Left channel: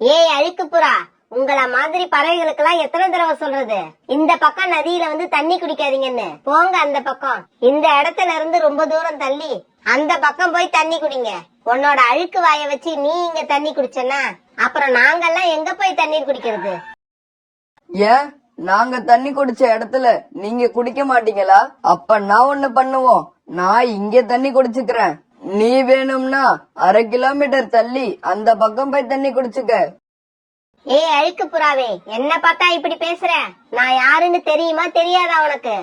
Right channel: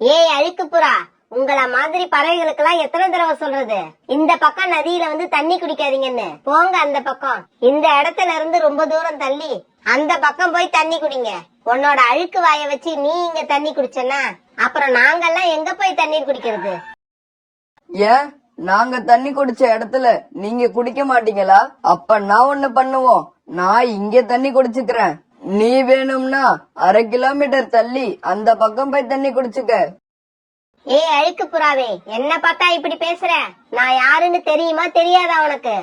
ஏய் அழுக்கு புறா, உங்கள மாதிரி பறவைகளுக்கு எல்லாம் எத்தனை தடவை சொல்றது? இந்த பக்கம் நதியில வந்து தண்ணி குடிக்காதீங்கன்னு. போங்க அந்த பக்கம். இந்த இடத்துல இருந்து ரொம்ப தூரம் தள்ளி அந்த பக்கம் போய் தண்ணி குடிங்க. உன்னோட அழுக்கு வாய வச்சு நீ இங்க தண்ணி குடிச்சனா அப்புறம் நாங்கெல்லாம் எங்க போய் தண்ணீர் குடிக்கிறது? ஏன் நாங்க தண்ணி குடிச்ச இடத்துல நீங்க குடிக்க மாட்டீங்களா? அப்ப நான் ஒண்ணு பண்ணுவோம், நான் இங்க தண்ணி குடிச்சுக்கிறேன். நீ வேணும்னா 1/2 கிலோமீட்டர் தள்ளி அந்த பக்கம் போய் தண்ணி குடிச்சுக்க. ஏய் அழுக்கு புறாவே, என்ன பார்த்தா இப்படி பேசுற? நான் யாருன்னு தெரியுமா தெரியாதா உனக்கு?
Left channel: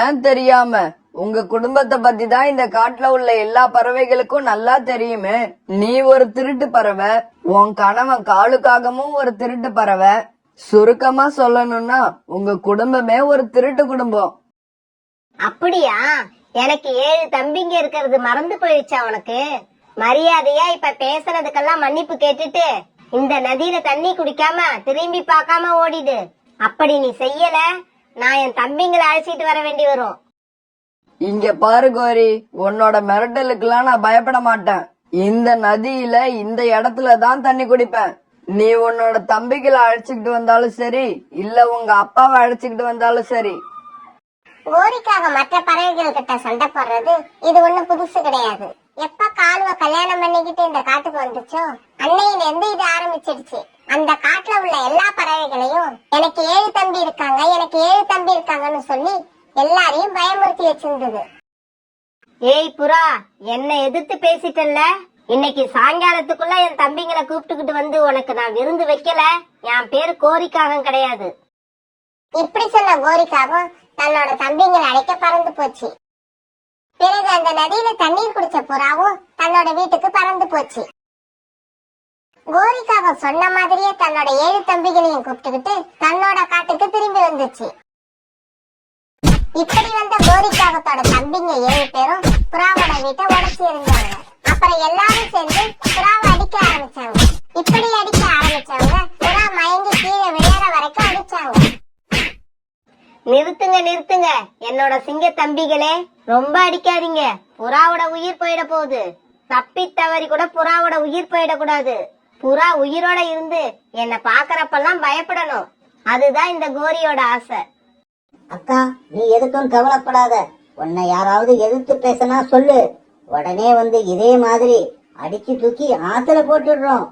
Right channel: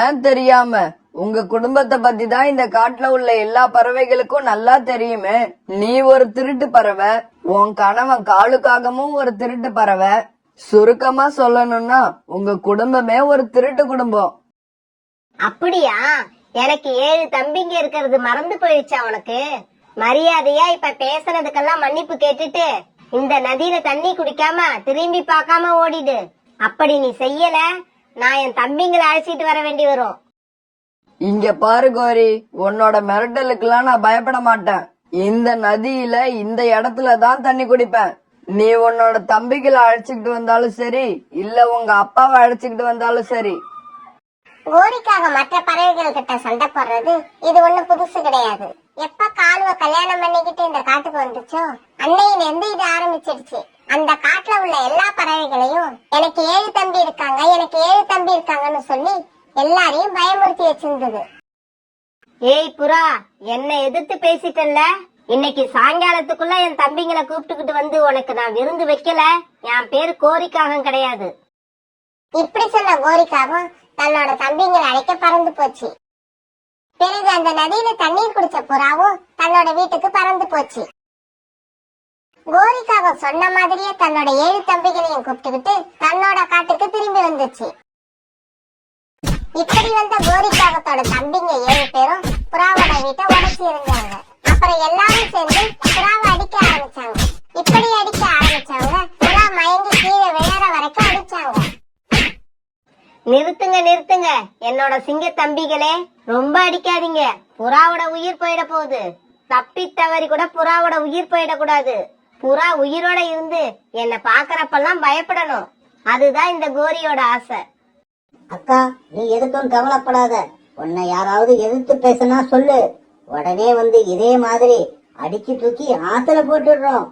ஏன் தெரியாம? உங்க குடும்பத்தை பத்தி தான் இந்த காட்டுல உள்ள எல்லா பறவைகளுக்கும் நல்லா தெரியுமே. நீ ஒரு திருட்டு பறவை, உன் கணவன் காலுக்காகவும் ஒரு திருட்டு பறவை. சுருக்கமா சொல்லணும்னா உங்க குடும்பமே ஒரு திருட்டு குடும்பம். அப்படியா? எனக்கு 7 தம்பிங்க இருக்கிறது மறந்து போயிடுச்சா உனக்கு? மரியாதையா இப்ப பேசுறதுக்கெல்லாம் மன்னிப்பு கேட்டுட்டு இந்த நதியில தண்ணி குடிக்காம திரும்பி பார்க்காம ஓடிடு. அப்படி நீ செய்யல, நான் என் தம்பிங்களை அழைச்சிட்டு வர வேண்டி வரும். இங்க பாரு கோரி, உன்னோட மிரட்டலுக்கெல்லாம் நான் பயப்பட மாட்டேன். இந்த நதியில இந்த இடத்துல தான் தண்ணி குடிப்பேன். நீ உன்னோட தம்பிகளை அழைச்சுக்கிட்டு வந்தாலும் சரி, இல்ல உங்க அப்பாவை அழைச்சுக்கிட்டு வந்தாலும் சரி. கோரிக்காக மற்ற பறவைகள் கிட்ட சண்டை போடுறது இது ஒண்ணும் புதுசு கிடையாது. எப்ப காலுவ கல்யாணம் பண்ணிக்கிட்டு இந்த காட்டுக்கு வந்துச்சோ அன்னையில இருந்து இது ஆரம்பிச்சிடுச்சு. அந்த காட்டுல உள்ள எல்லா பறவைகளையும் எனக்கு 7 தம்பி இருக்காங்க, எனக்கு 7 தம்பி இருக்காங்கன்னு சொல்லி எல்லாரையும் பயமுறுத்தி வச்சிருந்தது. ஏய் புறா, என்ன எதிர்த்து பேசிட்டல்ல? இன்னைக்கு சாயங்காலத்துக்குள்ள என் தம்பிங்களை கூப்பிட்டுக்கிட்டு வந்து உனக்கு நான் விருந்து வைக்கல, என் பேரு கோரிக்காகம் கிடையாது. இப்படி சொன்ன கோரிக்காகவும் தன்னோட தம்பிங்களை அழைக்க பறந்து போச்சு. பிறகு அந்த நதியில தண்ணீர் குடிச்ச புறாவும் தன்னோட வீட்டுக்கு பறந்து போச்சு. கோரிக்காக சொன்ன மாதிரியே தன்னோட 7 தம்பிகளையும் கூப்பிட்டுக்கிட்டு தன்னோட காட்டுக்கு திரும்பி வந்துச்சு. இப்படி வந்த கோரிக்காகத்தோட தம்பிங்க 7 பேரும் புறாவோட வீட்டை உடைச்சி இருந்தாங்க. அப்புறம் எல்லாரும் சேர்ந்து புறாவை அடிக்க ஆரம்பிச்சாங்க. இப்படி அடிக்க ஆரம்பிச்சவங்க புறா மயங்கி கீழே விழற வரைக்கும் அடிச்சாங்க. நிறுத்துங்க நிறுத்துங்க, என்னோட சிங்க தம்பிகளே, ரொம்ப அடிக்காதீங்க. புறாவோட உயிர் போயிட போகுது. தப்பி தவறி கூட புறாவோட உயிர் போயிடக்கூடாது. புறா உயிரோட இருந்து என்ன பாக்குறப்பெல்லாம் பயப்படணும். அதுதான் இந்த கோரியோட ஆசை. அக்கா, நீ எதுக்கும் கவலைப்படாத. உன்னை யாராவது எதிர்த்து பேசினா சொல்லு, உடனே வந்து இதே மாதிரி அடிச்சு தூக்கி ஆத்துல போட்டுடுறோம்.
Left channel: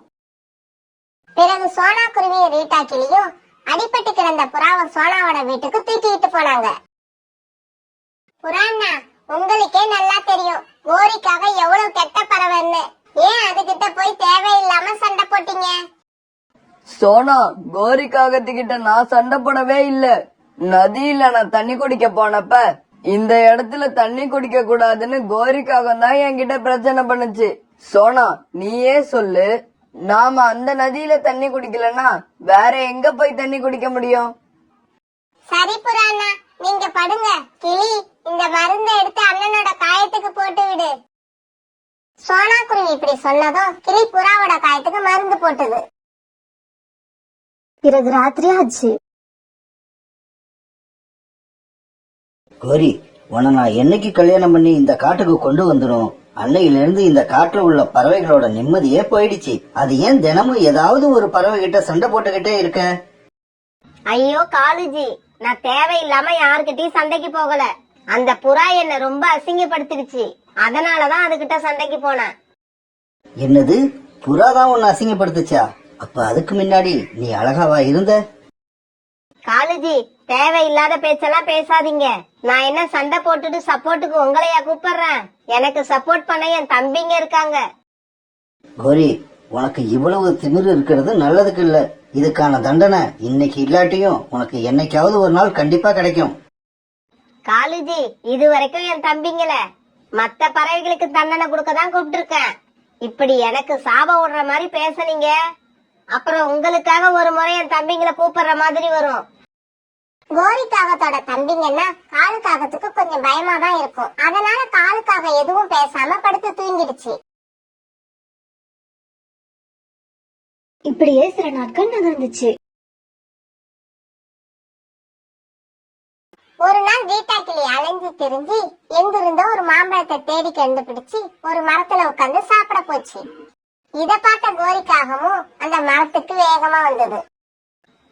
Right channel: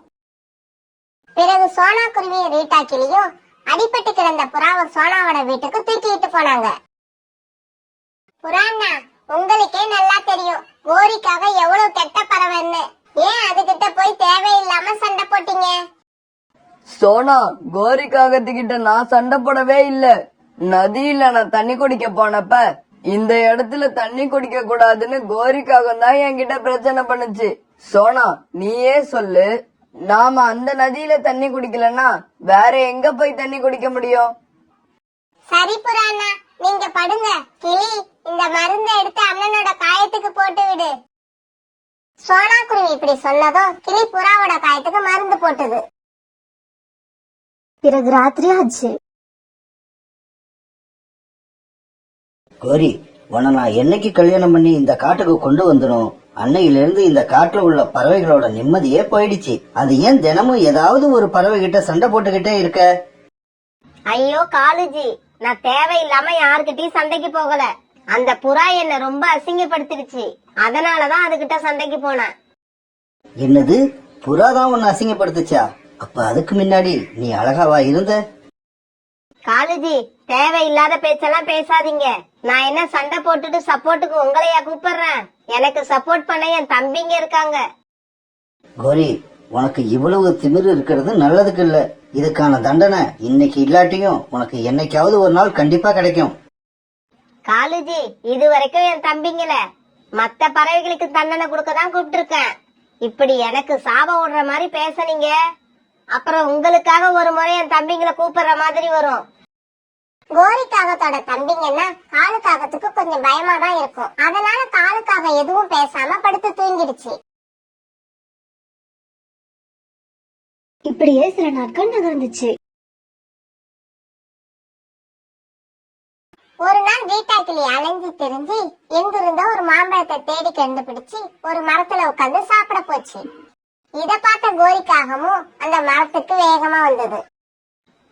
பிறகு சோனா குருவியும் ரீட்டா கிளியும் அடிபட்டு கிடந்த புறாவை சோனாவோட வீட்டுக்கு தூக்கிட்டு போனாங்க. புறாண்ணா, உங்களுக்கே நல்லா தெரியும் கோரிக்காக எவ்வளவு கெட்ட பறவைன்னு. ஏன் அதுகிட்ட போய் தேவையில்லாம சண்டை போட்டீங்க? சோனா, கோரிக்காகத்துக்கிட்ட நான் சண்டை போடவே இல்ல. நதியில நான் தண்ணி குடிக்க போனப்ப இந்த இடத்துல தண்ணி குடிக்க கூடாதுன்னு கோரிக்காகம் தான் என்கிட்ட பிரச்சனை பண்ணுச்சு. சோனா, நீயே சொல்லு, நாம அந்த நதியில தண்ணி குடிக்கலன்னா வேற எங்க போய் தண்ணி குடிக்க முடியும்? சரி புறாண்ணா, நீங்க படுங்க. கிளி, இந்த மருந்தை எடுத்து அண்ணனோட காயத்துக்கு போட்டு விடு. சோனா குருவி இப்படி சொன்னதும் கிளி புறாவோட காயத்துக்கு மருந்து போட்டது. பிறகு ராத்திரி ஆச்சு. கோரி, உன்னை நான் என்னைக்கு கல்யாணம் பண்ணி இந்த காட்டுக்கு கொண்டு வந்துடும், அன்னையில இருந்து இந்த காட்டுல உள்ள பறவைகளோட நிம்மதியே போயிடுச்சு. அது ஏன் தினமும் ஏதாவது ஒரு பறவை கிட்ட சண்டை போட்டுக்கிட்டே இருக்க? ஐயோ காலுஜி, நான் தேவையில்லாம யாருக்கிட்டயும் சண்டைக்கு போகல. அந்த புறா என்ன ரொம்ப அசிங்கப்படுத்திடுச்சு, அதனாலதான் அதுகிட்ட சண்டைக்கு போனேன். என்னது, புறாதான் உன்னை அசிங்கப்படுத்துச்சா? அப்ப அதுக்கு முன்னாடி நீ அழகாவா இருந்த? காலுஜி, தேவையில்லாத பேச்செல்லாம் பேசாதீங்க. நான் என்ன சண்டை போட்டுட்டு சப்போர்ட்டுக்கு உங்களையா கூப்பிடுறேன்? எனக்கு சப்போர்ட் பண்ண என் தம்பிங்க இருக்காங்க. கோரி, உனக்கு இவ்வளவு திமிரு இருக்கிறது நல்லதுக்கு இல்ல. இதுக்கான தண்டனை இன்னைக்கு இல்லாட்டியும் உனக்கு என்னைக்காவது ஒரு நாள் கண்டிப்பா கிடைக்கும். காலுஜி, இது வரைக்கும் என் தம்பிங்கள மத்த பறவைகளுக்கு தண்டனை கொடுக்கதான் கூப்பிட்டு இருக்கேன். இப்படி எனக்கு சாபம் விடுற மாதிரி பேசுனீங்க, அப்புறம் உங்களுக்காக ஒரு முறை என் தம்பிங்களை கூப்பிடுற மாதிரி வரும். கோரிக்காகத்தோட தம்பிங்கன்னா காலுக்காகத்துக்கு கொஞ்சம் பயமா தான் இருக்கும். அதனால காலுக்காக எதுவும் பேசாம படுத்து தூங்கிடுச்சு. இப்படியே சில நாட்கள் நகர்ந்துச்சு. ஒரு நாள் ரீட்டா கிளி அலைஞ்சு திரிஞ்சு எங்கிருந்தோ ஒரு மாம்பழத்தை தேடி கண்டுபிடிச்சு ஒரு மரத்துல உட்காந்து சாப்பிட போச்சு. இத பார்த்த கோரிக்காகவும் அந்த மரத்துக்கு வேகமா வந்தது.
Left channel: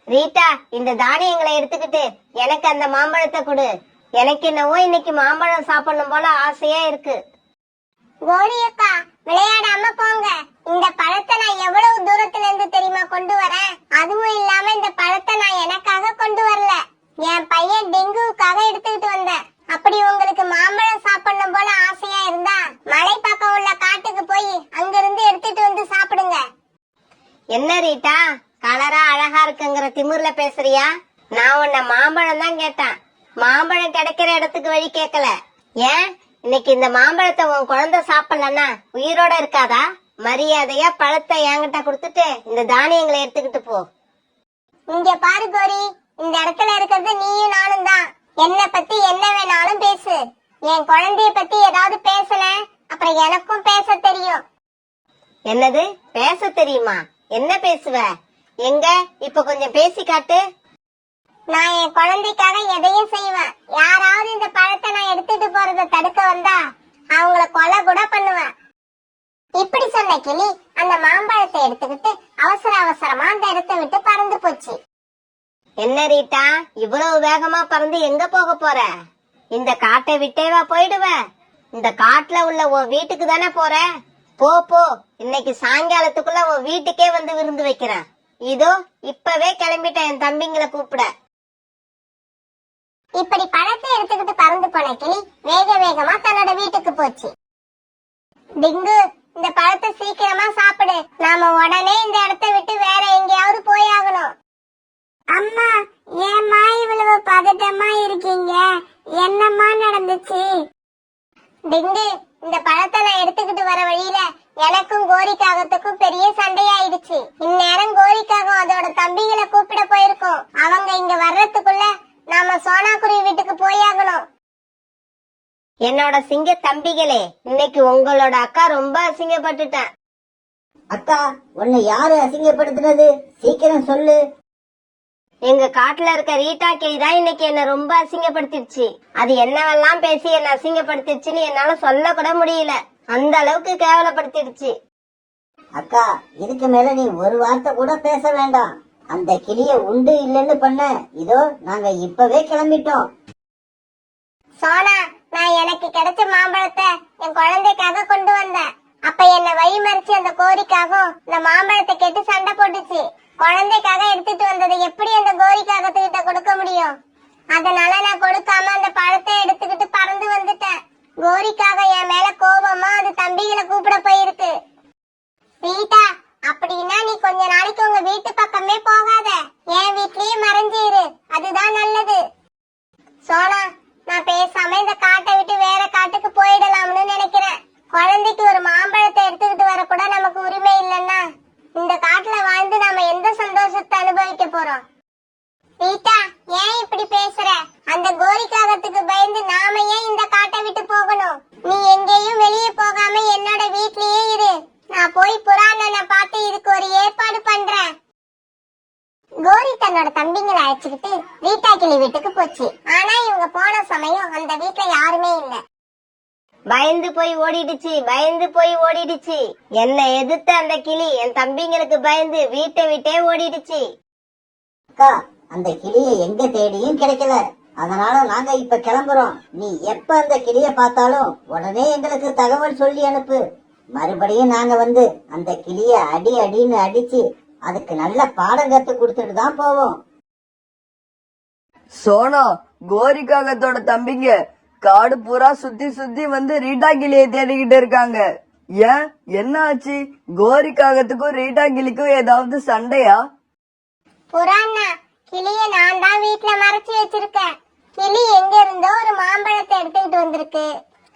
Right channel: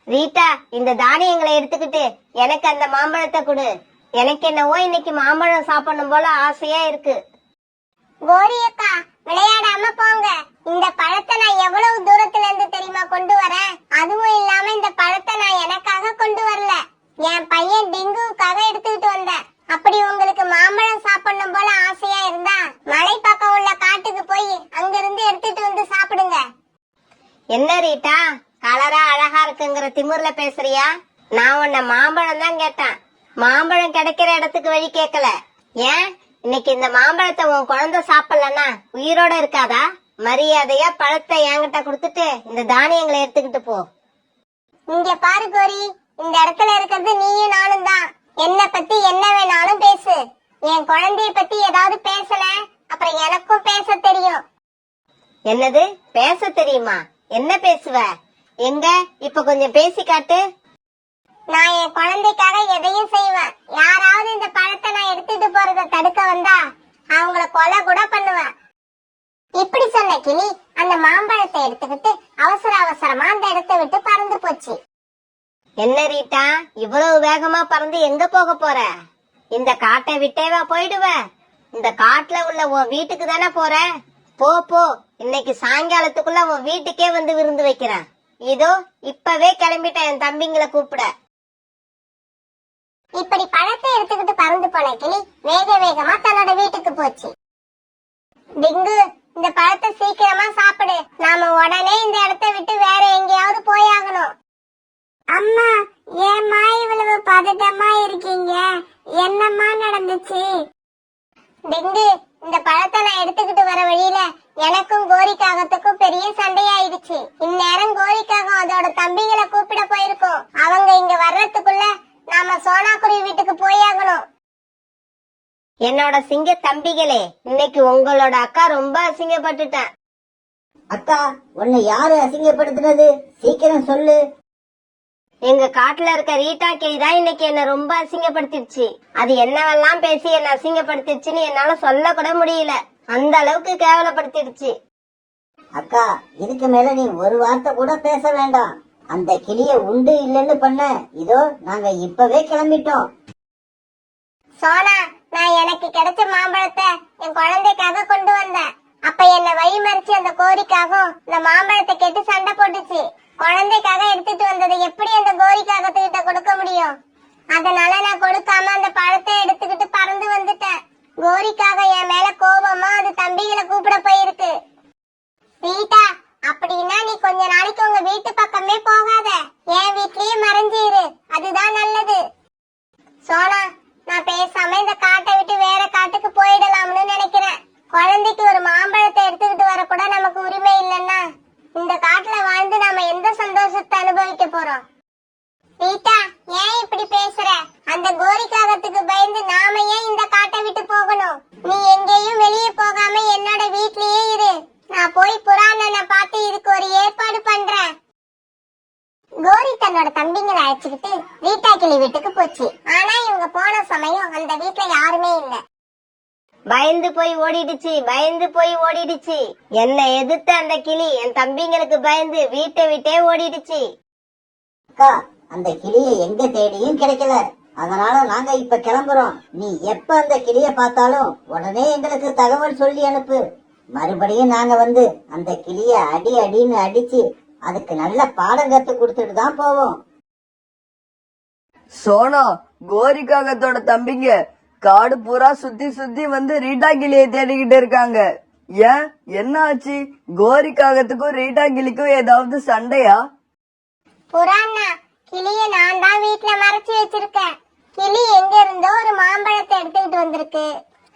ரீட்டா, இந்த தானியங்களை எடுத்துக்கிட்டு எனக்கு அந்த மாம்பழத்தை கொடு. எனக்கு என்னவோ இன்னைக்கு மாம்பழம் சாப்பிடணும் போல ஆசையா இருக்கு. கோரி அக்கா, விளையாடாம போங்க. இந்த பழத்தை நான் எவ்வளவு தூரத்துல இருந்து தெரியுமா கொண்டு வரேன். அதுவும் இல்லாம இந்த பழத்தை நான் எனக்காக கொண்டு வரல, என் பையன் டெங்குவுக்காக எடுத்துக்கிட்டு வந்தேன். அப்படி உங்களுக்கு மாம்பழம் சாப்பிடணும் போல ஆசையா இருந்தா மலை பக்கம் உள்ள காட்டுக்கு போய் அங்கிருந்து எடுத்துட்டு வந்து சாப்பிடுங்க. என்ன ரீட்டா, கலரா அழகா இருக்குங்கிற திமிர்ல பேசுறியா? நான் உன்ன மாம்பழம் தான் கேட்டேன், மாம்பழம் கிடைக்கிற இடத்துக்கு வழி கேட்கல. ஏன் இன்னைக்கு இந்த மாம்பழத்தை உன் குழந்தை சாப்பிடலன்னா உயிரோட இருக்காதா? மரியாதையா பழத்தை என்கிட்ட கொடுத்துட்டு இந்த தானியங்களை எடுத்துக்கிட்டு போ. இங்க பாரு கோரி, இந்த இடத்துல இருக்கிறது நீயும் நானும் தான். என்ன பத்தி என்ன வேணாலும் பேசு. என் குழந்தைய பத்தி ஏதாவது பேசல அப்புறம் எனக்கும் பேச தெரியும். என்னது பேச தெரியுமா? என்ன பேசுவ? எங்க இப்ப கொஞ்சம் பேசி காட்டு. நான் என் குழந்தைக்காக எதையும் செய்வேன். யாராவது இந்த பழத்தை நான் எடுத்துட்டு போறத தடுக்க வந்தா அவங்கள கொலை கூட பண்ணுவேன். இப்படி சொன்ன கிளி அந்த மாம்பழத்தை எடுத்துக்கிட்டு அவசர அவசரமா அந்த இடத்தை விட்டு பறந்து போச்சு. என்ன ரீட்டா, இவ்வளவு வேகமா பறந்து எங்க போக போற? இந்த காட்டை விட்டேவா போயிடுவ? இந்த காட்டுல உள்ள உன் வீட்டுக்கு தானே போற. போ போ, இன்னைக்கு சாயங்காலத்துக்குள்ள உன் வீட்டுக்கே வந்து விருந்து வைக்கிறேன். இதோ இப்பவே கிளம்பிட்டேன் என் தம்பிங்களை கூப்பிட. இப்படி பழத்தை எடுத்துக்கிட்டு பறந்து போன கிளி வேக வேகமா தன்னோட வீட்டுக்கு போச்சு. டிங்கு, இந்த பழத்தை சீக்கிரமா சாப்பிடு. நாம உடனே இந்த இடத்தை விட்டு வேற எங்கேயாவது போயாகணும். அம்மா, ஏம்மா இவ்வளவு பதட்டமா இருக்கீங்க? என்னம்மா நடந்துச்சு? டிங்கு, இந்த பழத்தை நான் எடுத்துக்கிட்டு வர வழியில எனக்கும் கோரிக்காகத்துக்கும் பெரிய சண்டையாயிடுச்சு. இந்நேரம் கோரிக்காகம் அதோட தம்பிகளை கூப்பிட போயிருக்கோம். அவங்க இங்க வர்றதுக்குள்ள நாம சோனாக்குருவி வீட்டுக்கு போயாகணும். என்னோட சிங்க தம்பிகளே, இன்னைக்கு உங்களோட அக்கா ரொம்ப அசிங்கப்பட்டுட்டேன். அக்கா, உன்னை யாரு அசிங்கப்படுத்தினது? சீக்கிரம் சொல்லு. எங்க காட்டுல இருக்க ரீட்டா கிளி தான் இன்னைக்கு என்ன ரொம்ப அசிங்கப்படுத்திடுச்சு. அது என்னவெல்லாம் பேசி என்ன அசிங்கப்படுத்திடுச்சுன்னு என்னால சொல்ல கூட முடியல. அந்த அளவுக்கு கேவலப்படுத்திடுச்சு. அக்கா, இதுக்கு மேல நீ ஒரு வார்த்தை கூட பேச வேண்டாம். அந்த கிளிய உண்டு இல்லைன்னு பண்ண இதோ நாங்க இப்பவே கிளம்பிட்டோம். சோனா, நான் எனக்கு கிடைச்ச மாம்பழத்தை என் குழந்தைக்காக கொண்டு வந்தேன். அப்ப என்ன வழி மறிச்சு அந்த கோரிக்காகவும் இந்த மாம்பழத்தை கேட்டு சண்டை போட்டுச்சு. குழந்தைக்காக எடுத்துட்டு வந்ததை எப்படி அந்த கோரிக்காகத்துக்கிட்ட கொடுக்க முடியும்? அதனால நான் கொடுக்காம அந்த பழத்தை எடுத்துக்கிட்டு பறந்து வந்துட்டேன். கோரிக்காக என் மேல கோபமா அது தம்பிகளை கூப்பிட போயிருக்கு. ரீட்டா, அப்படின்னா நீ கொஞ்ச நாளைக்கு உங்க வீட்டு பக்கமே போகாத, என் வீட்லயே மறைஞ்சிரு. அதுதான் நல்லது. சோனா, நான் பேசாம இந்த காட்டை விட்டு வேற காட்டுக்கு போயிடலாம்னு நினைக்கிறேன். குழந்தைக்கு ஒரு மாம்பழத்தை எடுத்துக்கிட்டு வர கூட நமக்கு உரிமை இல்லைன்னா இந்த காட்டுல வாழ்ந்து நாம எந்த சந்தோஷத்தை அனுபவிக்க போறோம்? ரீட்டா, ஏன் இப்படி பேசுற? அந்த கோரிக்காகத்துக்கு பயந்து நாம ஏன் இந்த காட்டை விட்டு போகணும்? நீ எங்கேயும் வெளியே போகாம என்னோட வீட்லயே இரு. நான் போய் புறாண்ணனை பார்த்து இதுக்கு ஒரு ஏற்பாடு பண்றேன். கோரி தன்னோட தம்பிங்களை அழைச்சுக்கிட்டு ரீட்டா கிளி வீட்டுக்கு போச்சு. ஆனா இவங்க போன சமயம் அந்த வீட்டுல யாருமே இல்ல. பயந்து போய் ஓடிடுச்சு, பயந்து போய் ஓடிடுச்சு. என்ன எதிர்த்த அந்த கிளி என் தம்பிங்களுக்கு பயந்து வீட்டை விட்டே ஓடிடுச்சு. அக்கா, அந்த கிளிய எங்க தேடியும் கிடைக்கல. அதனால நாங்க இப்ப கிளம்புறோம். நீ எப்ப அந்த கிளிய பார்த்தாலும் உடனே எங்களுக்கு தகவல் சொல்லி அனுப்பு. மறுபடியும் நாங்க வந்து அந்த கிளிய அடி அடின்னு அடிச்சு அதுக்கு நல்ல பாடம் கத்து கொடுத்துட்டு தான் போவோம். சோனா, கோரிக்காகத்தோட தம்பிங்க காடு பூரா சுத்தி சுத்தி வந்து ரீட்டா கிளியை தேடிக்கிட்டு இருக்காங்க. ஏன், என்ன ஆச்சு? கோரிக்காகத்துக்கும் ரீட்டா கிளிக்கும் ஏதாவது சண்டையா? புறாண்ணா, கிளிய நான் தான் வீட்டுல மறைச்சு வச்சிருக்கேன். கிளி எங்க இருந்தோ ஒரு மாம்பழத்தை எடுத்துக்கிட்டு வந்திருக்கு.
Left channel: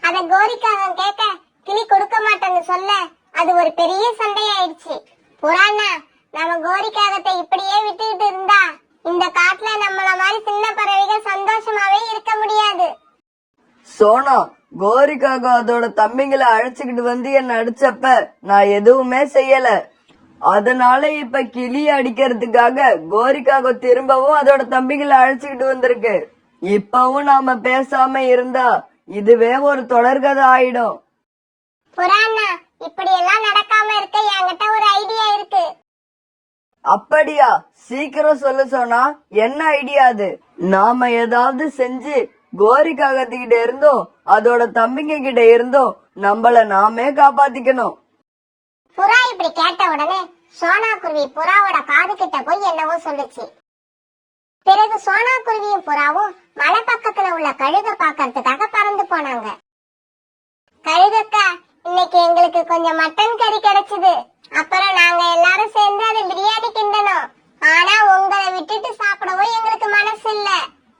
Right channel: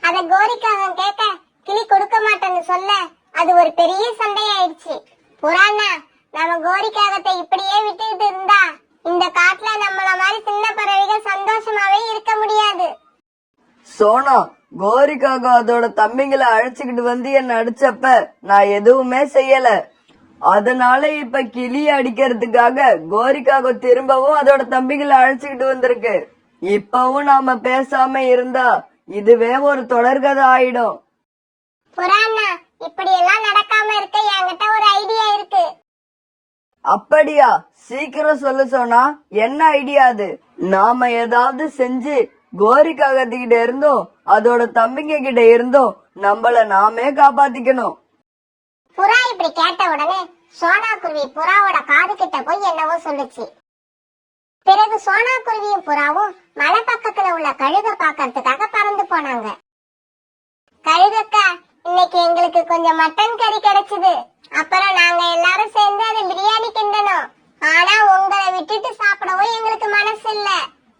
அத கோரிக்காகம் கேட்க கிளி கொடுக்க மாட்டேன்னு சொல்ல அது ஒரு பெரிய சண்டையாயிடுச்சு. புறாண்ணா, நம்ம கோரிக்காகத்தை இப்படியே விட்டுக்கிட்டு இருந்தா இந்த காட்டுல நம்மள மாதிரி சின்ன பறவைகள் சந்தோஷமாவே இருக்க முடியாது. சோனா, கோரிக்காக அதோட தம்பிங்களை அழைச்சுக்கிட்டு வந்து என்ன அடிச்சப்ப நான் எதுவுமே செய்யல. அதனால இப்ப கிளிய அடிக்கிறதுக்காக கோரிக்காக திரும்பவும் அதோட தம்பிகளை அழைச்சுக்கிட்டு வந்திருக்கு. இப்பவும் நாம பேசாம இருந்தா இதுவே ஒரு தொடர்கதை ஆயிடும். புறாண்ணா, இப்படி எல்லாம் நடக்காம இருக்க என்கிட்ட அப்படியா? சீக்கிரம் சொல்லு சோனா, என்ன ஐடியா அது? நாம ஏதாவது செஞ்சு கோரி காகத்துக்கிட்ட இருந்தோம் அதோட தம்பிங்க கிட்ட இருந்தோம் நம்மள நாமே காப்பாத்திக்கணும். புறா இப்படி கேட்ட உடனே சோனா குருவி புறாவோட காது கிட்ட போய் என்னவோ சொல்லுச்சு. பிறகு சோனா குருவியும் புறாவும் மலை பக்கத்துல உள்ள கழுக பாக்கறதுக்காக பறந்து போனாங்க. கழுகக்கா, இன்னைக்கு எங்களுக்கு கொஞ்சம் மட்டன் கறி கிடைச்சது. அப்புறம் நாங்க எல்லாரும் சேர்ந்து அதை பிரியாணி கிண்டணும். ஆனா உங்களை விட்டுட்டு சாப்பிடவும் எங்களுக்கு மனசு இல்ல.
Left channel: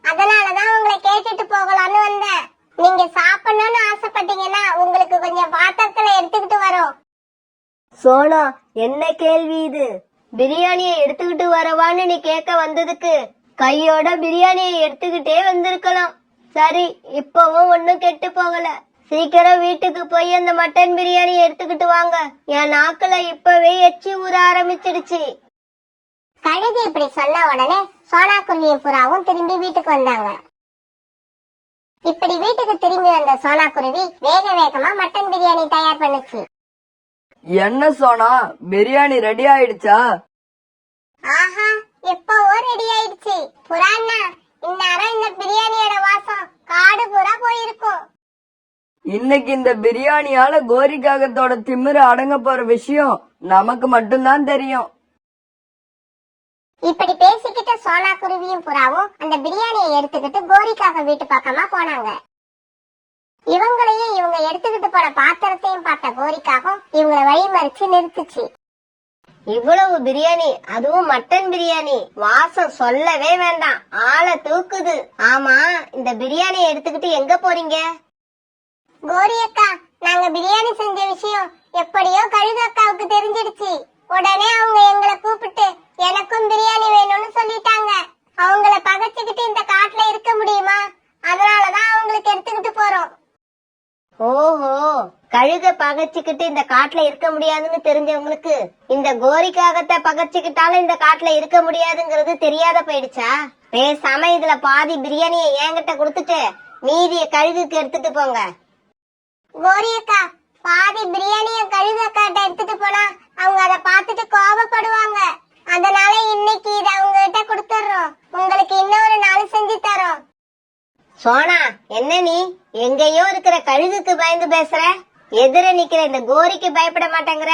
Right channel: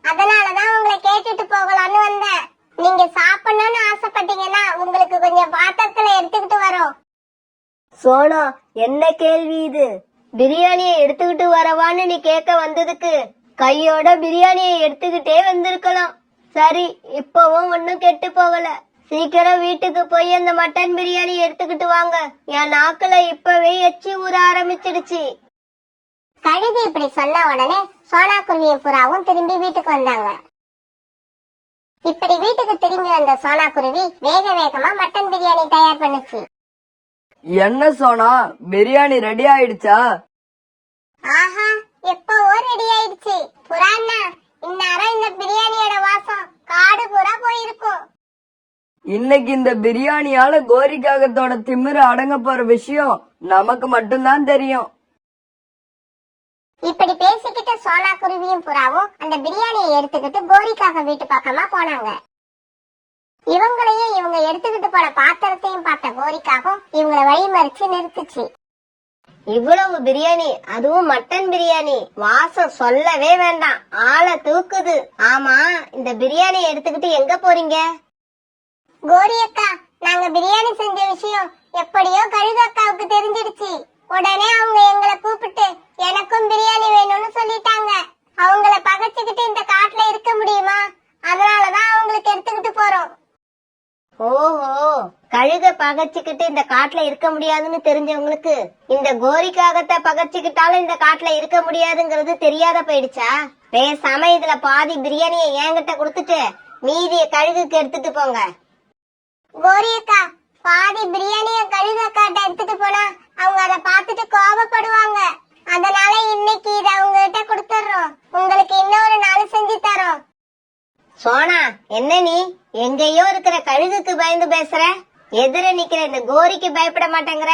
அதனாலதான் உங்களை கேட்டுட்டு போகலான்னு வந்தேன். நீங்க சாப்பிடணும்னு ஆசைப்பட்டீங்கன்னா உங்களுக்கு கொஞ்சம் பாத்திரத்துல எடுத்துக்கிட்டு வரோம். சோனா, என்ன கேள்வி இது? பிரியாணியை எடுத்துக்கிட்டு வரவான்னு நீ கேட்க வந்ததுக்கு கையோட பிரியாணியை எடுத்துக்கிட்டே வந்திருக்கலாம். சரி, இப்பவும் ஒன்னும் கெட்டு போகல. சீக்கிரம் வீட்டுக்கு போய் அந்த மட்டன் பிரியாணி எடுத்துக்கிட்டு வாங்க. என் நாக்குல இப்பவே எச்சி ஊற ஆரம்பிச்சிடுச்சு. கழுகு இப்படி சொன்ன உடனே சோனா குருவியும் புறாவும் திரும்பி வீட்டுக்கு வந்தாங்க. இப்படி வீட்டுக்கு திரும்பி வந்த சோனா குருவி வேக வேகமா மட்டன் பிரியாணி தயார் பண்ணுச்சு. என்ன சோனா, பிரியாணி ரெடி ஆயிடுச்சா? ஆஹா, எப்பவோ ரெடி ஆயிடுச்சு. புறாண்ணா, இந்நேரம் இந்த பிரியாணியோட வாசம் காடு பூரா போயிருக்கும். இன்னைக்கு இந்த பிரியாணியால கோரி காகத்தோட திமிரு அடங்க போற விஷயம் நமக்கு மட்டும்தான் தெரியும். இப்படி பேசிக்கிட்டு சோனா குருவியும் புறாவும் அந்த பிரியாணியை எடுத்துக்கிட்டு கோரிக்காக வீட்டு பக்கமா போனாங்க. இவங்களையும் இவங்க எடுத்துக்கிட்டு போன பாத்திரத்தையும் பார்த்த கோரிக்காகவும் இவங்களை வழிமறிச்சு நிறுத்துச்சு. இவ்வளவு பிரியாணி, அதுவும் மட்டன் பிரியாணி, வாசம் சொல்லவே வேண்டாம், ஆளை தூக்குது. ஆமா, இந்த பிரியாணியை எடுத்துக்கிட்டு எங்க போறீங்க? கோரி அக்கா, நாங்க பிரியாணி செஞ்ச விஷயம் எப்படியோ கழுகு அக்காவுக்கு தெரிஞ்சிடுச்சு. உடனே அவங்க எங்களை கூப்பிட்டு எனக்கும் பிரியாணி வேணும்னு சொல்லிட்டாங்க. அவங்கள பகைச்சுக்கிட்டு இந்த காட்டுல இருக்க முடியுமா? அதனாலதான் அவங்களுக்கு எடுத்துக்கிட்டு போறோம். ஓஹோ, கழுக பகைச்சுக்கிட்டு இந்த காட்டுல இருக்க முடியாதுன்னு தெரிஞ்சவங்களுக்கு இந்த கோரிக்காகத்தை பகைச்சுக்கிட்டாலும் இந்த காட்டுல இருக்க முடியாதுங்கிறது தெரியாத போயிடுச்சா? பேசாம இதுல பாதி பிரியாணியை என்கிட்ட கொடுத்துட்டு மீதிய கழுகுக்கு எடுத்துட்டு போங்க. கோரி அக்கா, பாதி பிரியாணிய கழுகு அக்காட்ட எடுத்துட்டு போனா அவங்க அதை பார்த்துட்டு கோபப்படுவாங்க. அதனால இன்னைக்கு இதை அவங்க கிட்ட கொடுத்துறோம். உங்களுக்கு இன்னொரு நாள் செஞ்சு தரோம். சோனா, என்ன நீ எங்கேயோ இருக்கிற கழுகுக்கு பயந்து பேசுற? எதிர நிக்கிற இந்த கோரிக்கு பயப்பட மாட்டேங்கிற?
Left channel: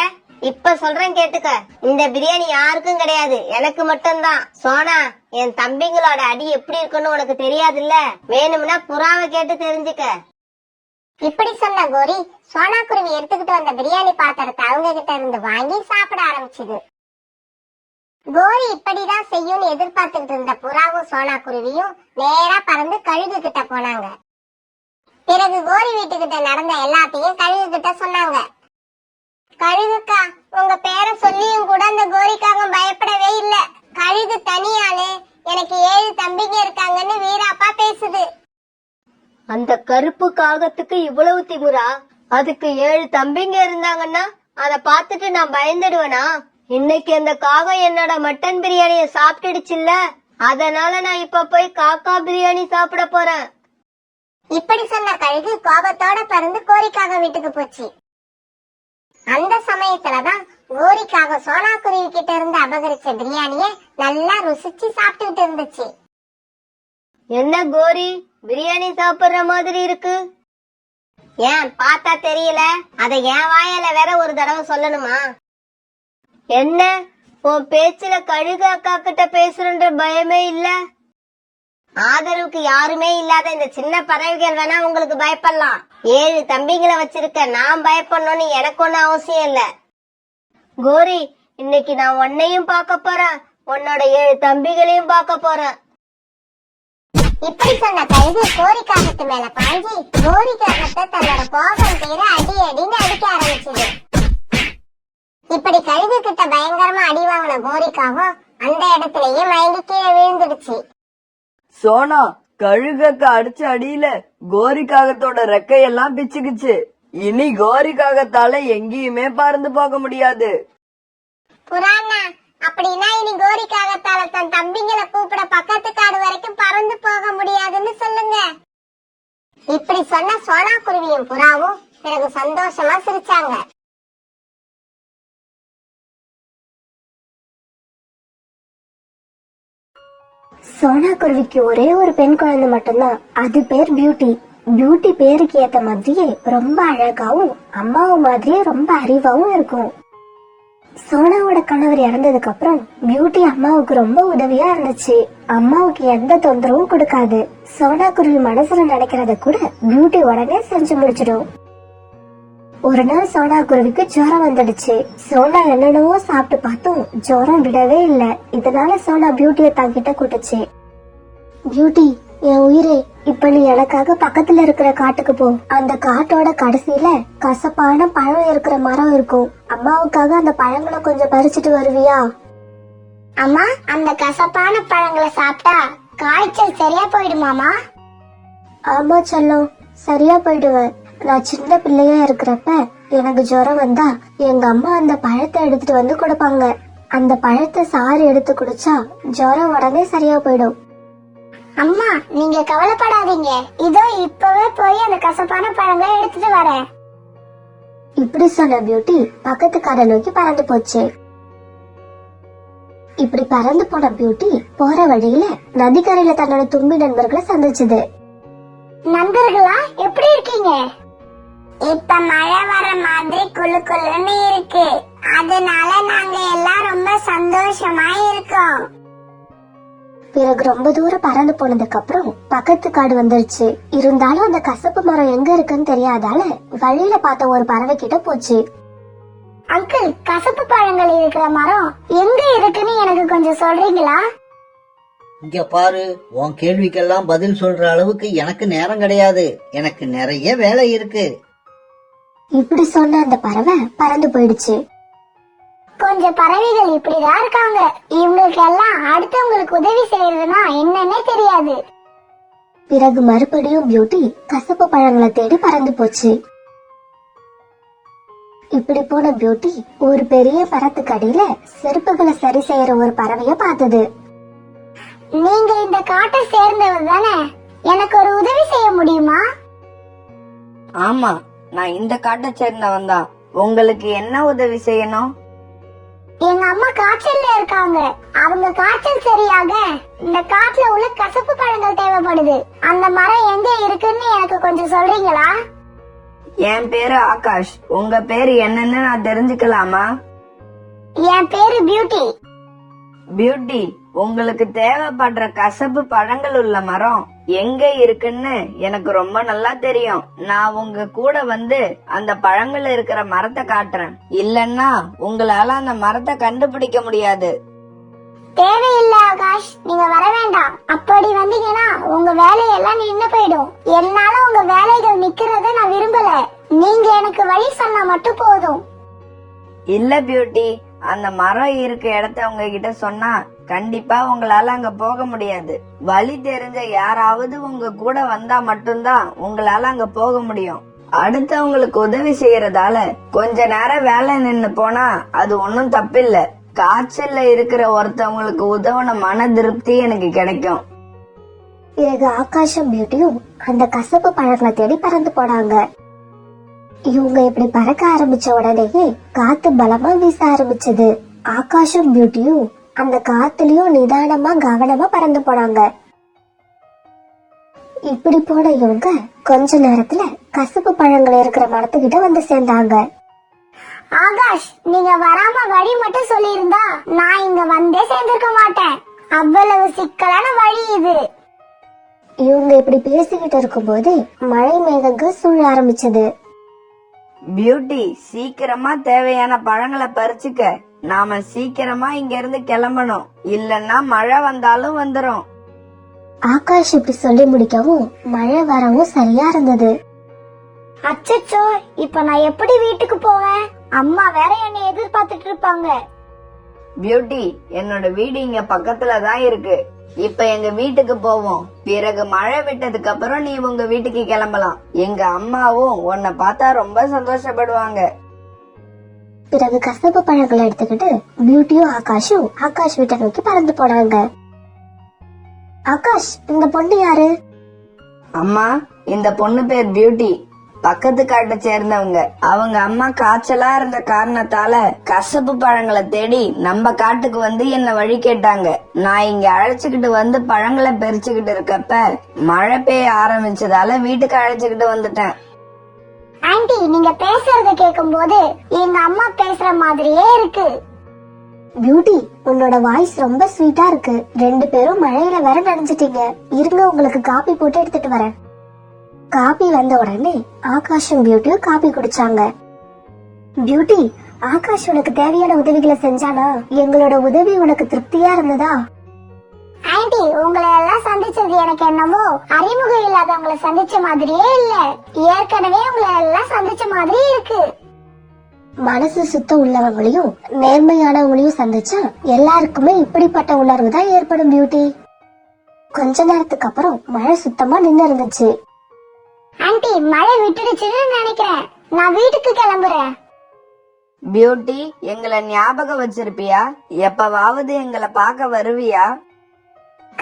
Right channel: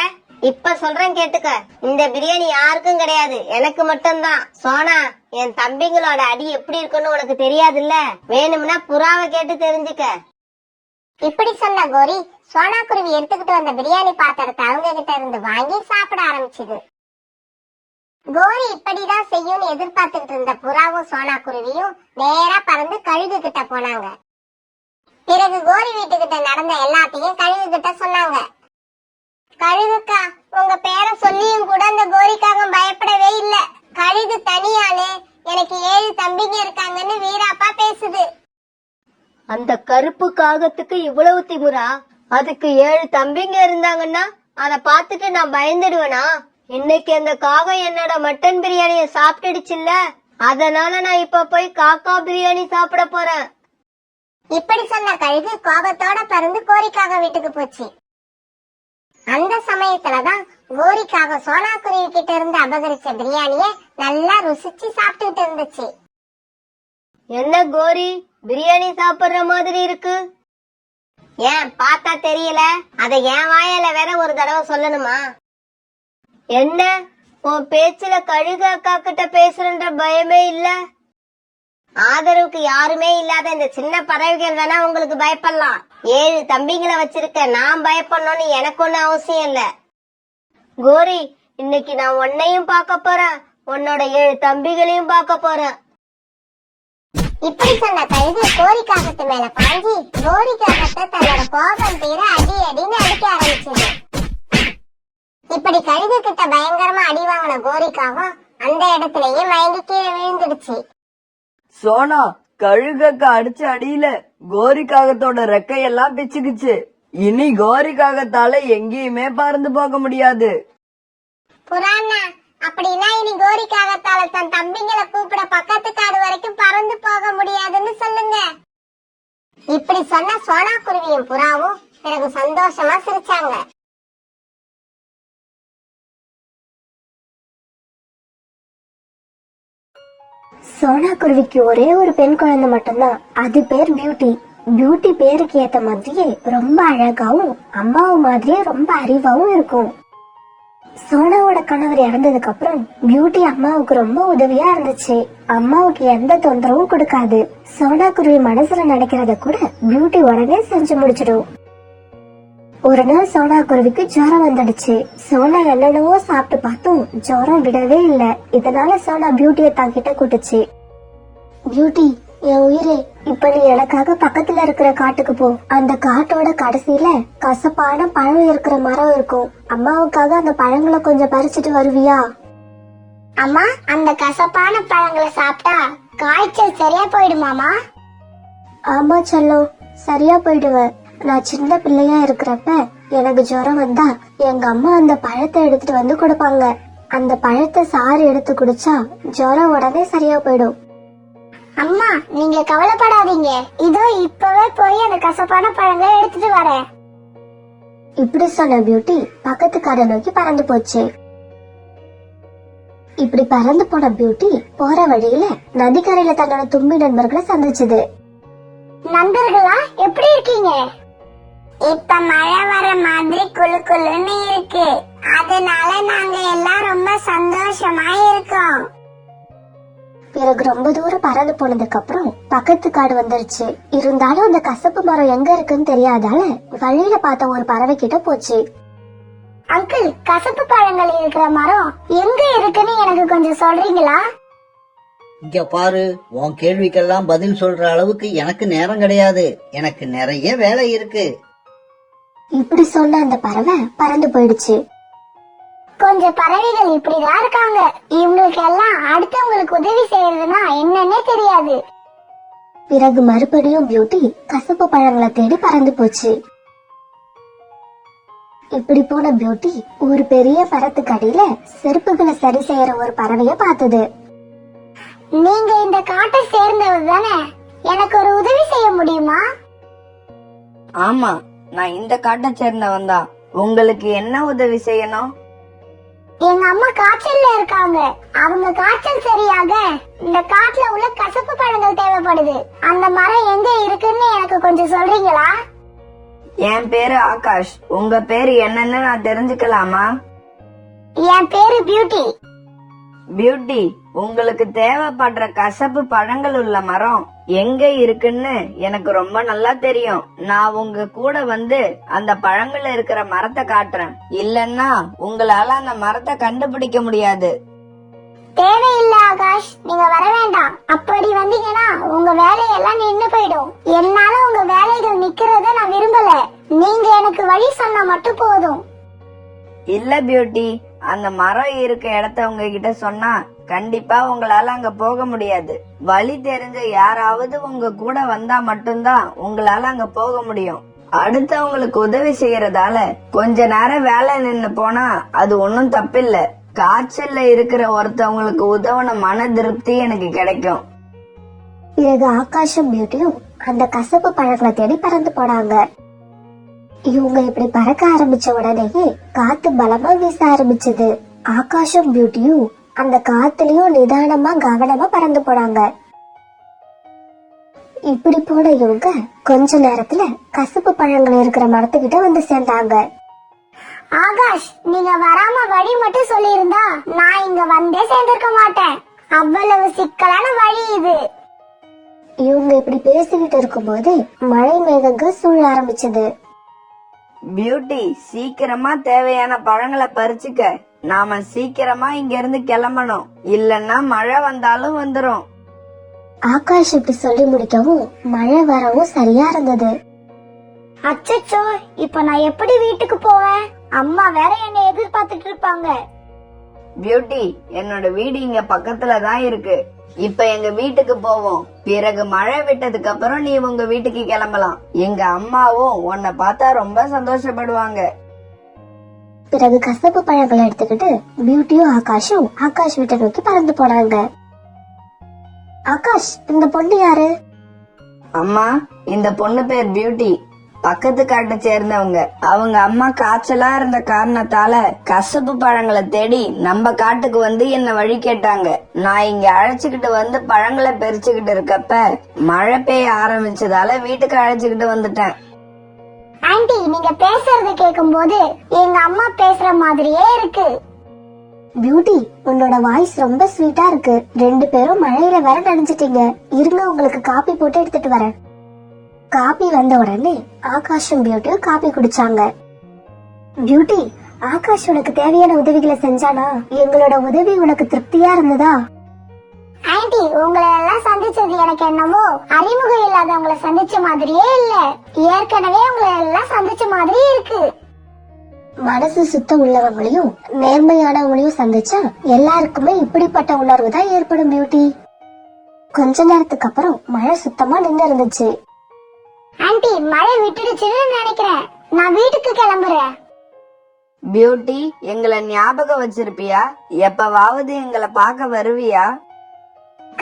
இப்ப சொல்றேன் கேட்டுக்க, இந்த பிரியாணி யாருக்கும் கிடையாது, எனக்கு மட்டும்தான். சோனா, என் தம்பிங்களோட அடி எப்படி இருக்குன்னு உனக்கு தெரியாதுல்ல? வேணும்னா புறாவை கேட்டு தெரிஞ்சுக்க. இப்படி சொன்ன கோரி சோனா குருவி எடுத்துக்கிட்டு வந்த பிரியாணி பாத்திரத்தை அவங்க கிட்ட இருந்து வாங்கி சாப்பிட ஆரம்பிச்சுது. கோரி இப்படிதான் செய்யும்னு எதிர்பார்த்துக்கிட்டு இருந்த புறாவும் சோனா குருவியும் நேரா பறந்து கழுகு கிட்ட போனாங்க. பிறகு கோரி வீட்டுக்கிட்ட நடந்த எல்லாத்தையும் கழுகு கிட்ட சொன்னாங்க. கழுகுக்கா, உங்க பேரை சொல்லியும் கூட அந்த கோரிக்காக பயப்படவே இல்ல. கழுகு தனியானே, எனக்கு 7 தம்பிங்க இருக்காங்கன்னு வீராப்பா பேசுது. அந்த கருப்பு காகத்துக்கு இவ்வளவு திமிரா? அதுக்கு 7 தம்பிங்க இருந்தாங்கன்னா அத பாத்துட்டு நான் பயந்துடுவேனா? இன்னைக்கு அந்த காகம் என்னோட மட்டன் பிரியாணிய சாப்பிட்டுடுச்சுல்ல, அதனால நான் இப்ப போய் காக்கா பிரியாணி சாப்பிட போறேன். இப்படி சொன்ன கழுகு கோபத்தோட பறந்து கோரிக்காக வீட்டுக்கு போச்சு. அந்த சமயத்துலதான் கோரிக்காக சோனா குருவி கிட்ட இருந்து அபகரிச்ச பிரியாணிய நல்லா ருசிச்சு சாப்பிட்டுட்டு இருந்துச்சு. என்ன கோரி, பிரியாணி சாப்பிடுற மாதிரி இருக்கு? ஏன் பார்த்தா தெரியல? அத என் வாயால வேற ஒரு தடவை சொல்லணுமா? என்ன, உன் பேச்சுல கழுகு அக்கா கிட்ட பேசுறன்ற பயமே இல்ல? ஆதரவுக்கு யாருமே இல்லாத இந்த சின்ன பறவைகள் வேணா உங்களுக்கு பயப்படலாம். 7 தம்பிங்களை வச்சிருக்க நான் பயப்படணும்னு எனக்கு ஒன்னும் அவசியம் இல்ல. கோரி, இன்னைக்கு நான் உன்னையும் பார்க்க போறேன், உன்னோட 7 தம்பிகளையும் பார்க்க போறேன். இப்படி சொன்ன கழுகு கோரிக்காகத்து மேல பாஞ்சி கோரிக்காகத்தை தன்னோட கோபம் தீர அடி அடின்னு அடிக்க ஆரம்பிச்சது. இப்படி கழுகு கிட்ட பயங்கரமா அடி வாங்கின கோரிக்காகம் அந்த இடத்திலேயே மயங்கி கீழே விழுந்துடுச்சு. சோனா, கழுகக்க அடிச்ச அடியில கோரிக்காகத்தோட ரெக்கையெல்லாம் பிச்சுக்குச்சு. இனி கோரிக்காகத்தால எங்கேயுமே பறந்து போக முடியாது. புறாண்ணா, அப்படின்னா இனி கோரிக்காகத்தால தன் தம்பிங்களை கூப்பிட பக்கத்து காடு வரைக்கும் பறந்து போக முடியாதுன்னு சொல்லுங்க. இப்படி சொன்ன சோனா குருவியும் புறாவும் பிறகு சந்தோஷமா சிரிச்சாங்க. சோனா குருவிக்கு ஒரே ஒரு பெண் குழந்தை மட்டும்தான். அது பேர் பியூட்டி. பியூட்டி பேருக்கு ஏத்த மாதிரியே ரொம்ப அழகாவும் அம்மாவும் மாதிரியே ரொம்ப அறிவாவும் இருக்கும். சோனாவோட கணவர் இறந்ததுக்கு அப்புறம் பியூட்டி அம்மாவுக்கு ரொம்ப உதவியா இருந்துச்சு. அம்மாவுக்கு எந்த தொந்தரவும் கொடுக்காது. சோனா குருவி மனசுல நினைக்கிறத கூட பியூட்டி உடனே செஞ்சு முடிச்சிடும். ஒரு நாள் சோனா குருவிக்கு ஜுரம் வந்துடுச்சு. சோனா என்னென்னவோ சாப்பிட்டு பார்த்தும் ஜுரம் விடவே இல்ல. இதனால சோனா பியூட்டியை தாங்கிட்ட கூட்டுச்சு. பியூட்டி, என் உயிரே, இப்ப நீ எனக்காக பக்கத்துல இருக்கிற காட்டுக்கு போ. அந்த காட்டோட கடைசியில கசப்பான பழம் இருக்கிற மரம் இருக்கும். அம்மாவுக்காக அந்த பழங்களை கொஞ்சம் பறிச்சுட்டு வருவியா? அம்மா, அந்த கசப்பான பழங்களை சாப்பிட்டா காய்ச்சல் சரியா போயிடுமாமா? ஆமா செல்லம், சரியா போயிடுவேன். நான் சின்ன பிள்ளையா இருக்கிறப்ப எனக்கு ஜுரம் வந்தா எங்க அம்மா அந்த பழத்தை எடுத்துட்டு வந்து கொடுப்பாங்க. அந்த பழத்தை சாறு எடுத்து குடிச்சா ஜுரம் உடனே சரியா போயிடும். அம்மா, நீங்க கவலைப்படாதீங்க. இதோ இப்பவே போய் அந்த கசப்பான பழங்களை எடுத்துட்டு வரேன். இப்படி சொன்ன பியூட்டி பக்கத்து காடை நோக்கி பறந்து போச்சு. இப்படி பறந்து போன பியூட்டி போற வழியில நதிக்கரையில தன்னோட தும்பி நண்பர்களை சந்திச்சது. நண்பர்களா, எப்படி இருக்கீங்க? இப்ப மழை வர மாதிரி குளு குளுன்னு இருக்கு. அதனால நாங்க எல்லாம் ரொம்ப சந்தோஷமா இருக்கோம். பிறகு ரொம்ப தூரம் பறந்து போனதுக்கு அப்புறம் பக்கத்து காடு வந்துருச்சு. இருந்தாலும் அந்த கசப்பு மரம் எங்க இருக்குன்னு தெரியாதால வழியில பார்த்த ஒரு பறவை கிட்ட போச்சு. அங்கிள், கசப்பு பழங்கள் இருக்கிற மரம் எங்க இருக்குன்னு எனக்கு கொஞ்சம் சொல்றீங்களா? இங்க பாரு, உன் கேள்விக்கெல்லாம் பதில் சொல்ற அளவுக்கு எனக்கு நேரம் கிடையாது. எனக்கு நிறைய வேலை இருக்கு. இப்படி சொன்ன அந்த பறவை பறந்து போயிடுச்சு. கொஞ்சம் பறவைகள் இப்படிதான் இருக்காங்க. இவங்களுக்கு எல்லாம் அடுத்தவங்களுக்கு உதவி செய்யறதுன்னா என்னன்னே தெரியாது. பிறகு மறுபடியும் பியூட்டி கசப்பு பழங்களை தேடி பறந்து போச்சு. இப்படி போன பியூட்டி ஒரு பெரிய மரத்துக்கு அடியில செருப்புகளை சரி செய்யற ஒரு பறவைய பார்த்தது. நீங்க இந்த காட்டை சேர்ந்தவர் தானே? எனக்கு ஒரு உதவி செய்ய முடியுமா? ஆமா, நான் இந்த காட்டை சேர்ந்தவன் தான். உங்களுக்கு என்ன உதவி செய்யணும்? எங்க அம்மா காய்ச்சல்ல இருக்காங்க. அவங்க காய்ச்சல் சரியாக இந்த காட்டுல உள்ள கசப்பு பழங்கள் தேவைப்படுது. அந்த மரம் எங்க இருக்குன்னு எனக்கு கொஞ்சம் சொல்றீங்களா? என் பேரு ஆகாஷ். உங்க பேரு என்னன்னு நான் தெரிஞ்சுக்கலாமா? என் பேரு பியூட்டி. பியூட்டி, உங்களுக்கு தேவைப்படுற கசப்பு பழங்கள் உள்ள மரம் எங்க இருக்குன்னு எனக்கு ரொம்ப நல்லா தெரியும். நான் உங்க கூட வந்து அந்த பழங்கள் இருக்கிற மரத்தை காட்டுறேன். இல்லன்னா உங்களால அந்த மரத்தை கண்டுபிடிக்க முடியாது. தேவையில்லை ஆகாஷ், நீங்க வர வேண்டாம். அப்படி வந்தீங்கன்னா உங்க வேலையெல்லாம் நின்னு போயிடும். என்னால உங்க வேலைகள் நிக்கிறத நான் விரும்பல. நீங்க எனக்கு வழி சொன்னா மட்டும் போதும். இல்ல பியூட்டி, அந்த மரம் இருக்க இடத்த உங்ககிட்ட சொன்னா கண்டிப்பா உங்களால அங்க போக முடியாது. வழி தெரிஞ்ச யாராவது உங்க கூட வந்தா மட்டும்தான் உங்களால அங்க போக முடியும். அடுத்தவங்களுக்கு உதவி செய்யறதால கொஞ்ச நேரம் வேலை நின்னு போனா அது ஒன்னும் தப்பில்ல. காய்ச்சல்ல இருக்கிற ஒருத்தவங்களுக்கு உதவுன மன திருப்தி எனக்கு கிடைக்கும். பிறகு ஆகாஷும் பியூட்டியும் அந்த கசப்பு பழங்களை தேடி பறந்து போனாங்க. இவங்க இப்படி பறக்க ஆரம்பிச்ச உடனேயே காத்து பலமா வீச ஆரம்பிச்சது. ஆகாஷும் பியூட்டியும் அந்த காத்துலயும் நிதானமா கவனமா பறந்து போனாங்க. இப்படி போன இவங்க கொஞ்ச நேரத்துல கசப்பு பழங்கள் இருக்கிற மரத்துக்கிட்ட வந்து சேர்ந்தாங்க. ஆகாஷ், நீங்க வராம வழி மட்டும் சொல்லியிருந்தா நான் இங்க வந்தே சேர்ந்திருக்க மாட்டேன். அவ்வளவு சிக்கலான வழி இது. இவங்க இப்படி பேசிக்கிட்டு இருக்கும்போது மழை மேகங்கள் சூழ ஆரம்பிச்சது. பியூட்டி, சீக்கிரமா தேவையான பழங்களை பறிச்சுக்க. நாம சீக்கிரமா இங்க இருந்து கிளம்பணும். இல்லன்னா மழை வந்தாலும் வந்துரும். ஆகாஷ் இப்படி சொல்லி முடிக்கவும் மழை வரவும் சரியா இருந்தது. அச்சச்சோ, இப்ப நான் எப்படி வீட்டுக்கு போவேன்? அம்மா வேற என்னை எதிர்பார்த்துட்டு இருப்பாங்க. பியூட்டி, என்னோட வீடு இங்க பக்கத்துல தான் இருக்கு. இப்ப எங்க வீட்டுக்கு போவோம். பிறகு மழை விட்டதுக்கு அப்புறம் நீ உங்க வீட்டுக்கு கிளம்பலாம். எங்க அம்மாவும் உன்னை பார்த்தா ரொம்ப சந்தோஷப்படுவாங்க. பிறகு கசப்பு பழங்களை எடுத்துக்கிட்டு பியூட்டியும் ஆகாஷும் ஆகாஷ் வீட்டை நோக்கி பறந்து போனாங்க. ஆகாஷ், இந்த பொண்ணு யாரு? அம்மா, இந்த பொண்ணு பேர் பியூட்டி. பக்கத்து காட்டை சேர்ந்தவங்க. அவங்க அம்மா காய்ச்சலா இருந்த காரணத்தால கசப்பு பழங்களை தேடி நம்ம காட்டுக்கு வந்து என்ன வழி கேட்டாங்க. நான் இங்க அழைச்சுக்கிட்டு வந்து பழங்களை பறிச்சுக்கிட்டு இருக்கப்ப மழை பெய்ய ஆரம்பிச்சதால வீட்டுக்கு அழைச்சுக்கிட்டு வந்துட்டேன். ஆண்டி, நீங்க பேசுறத கேட்கும் போது எங்க அம்மா பேசுற மாதிரியே இருக்கு. பியூட்டி, உன்னோட வாய்ஸ் ரொம்ப ஸ்வீட்டா இருக்கு. 2 பேரும் மழையில வர நனைஞ்சிட்டீங்க. இருங்க, உங்களுக்கு காபி போட்டு எடுத்துட்டு வரேன். காபி வந்த உடனே ஆகாஷும் பியூட்டியும் காபி குடிச்சாங்க. பியூட்டி, ஆகாஷ் உனக்கு தேவையான உதவிகளை செஞ்சானா? எங்களோட உதவி உனக்கு திருப்தியா இருந்ததா? ஆண்டி, உங்களை எல்லாம் சந்திச்சது எனக்கு என்னமோ அறிமுகம் இல்லாதவங்களை சந்திச்ச மாதிரியே இல்ல, ஏற்கனவே உங்களை எல்லாம் சந்திச்ச மாதிரி இருக்கு. மனசு சுத்தம் உள்ளவங்களையும் நேர்மையானவங்களையும் சந்திச்சா எல்லாருக்குமே இப்படிப்பட்ட உணர்வு தான் ஏற்படும் பியூட்டி. கொஞ்ச நேரத்துக்கு அப்புறம் மழை சுத்தமா நின்று இருந்துச்சு. ஆண்டி, மழை விட்டுடுச்சுன்னு நினைக்கிறேன். நான் வீட்டுக்கு கிளம்புறேன். பியூட்டி, எங்களை ஞாபகம் வச்சிருப்பியா? எப்பவாவது எங்களை பார்க்க வருவியா?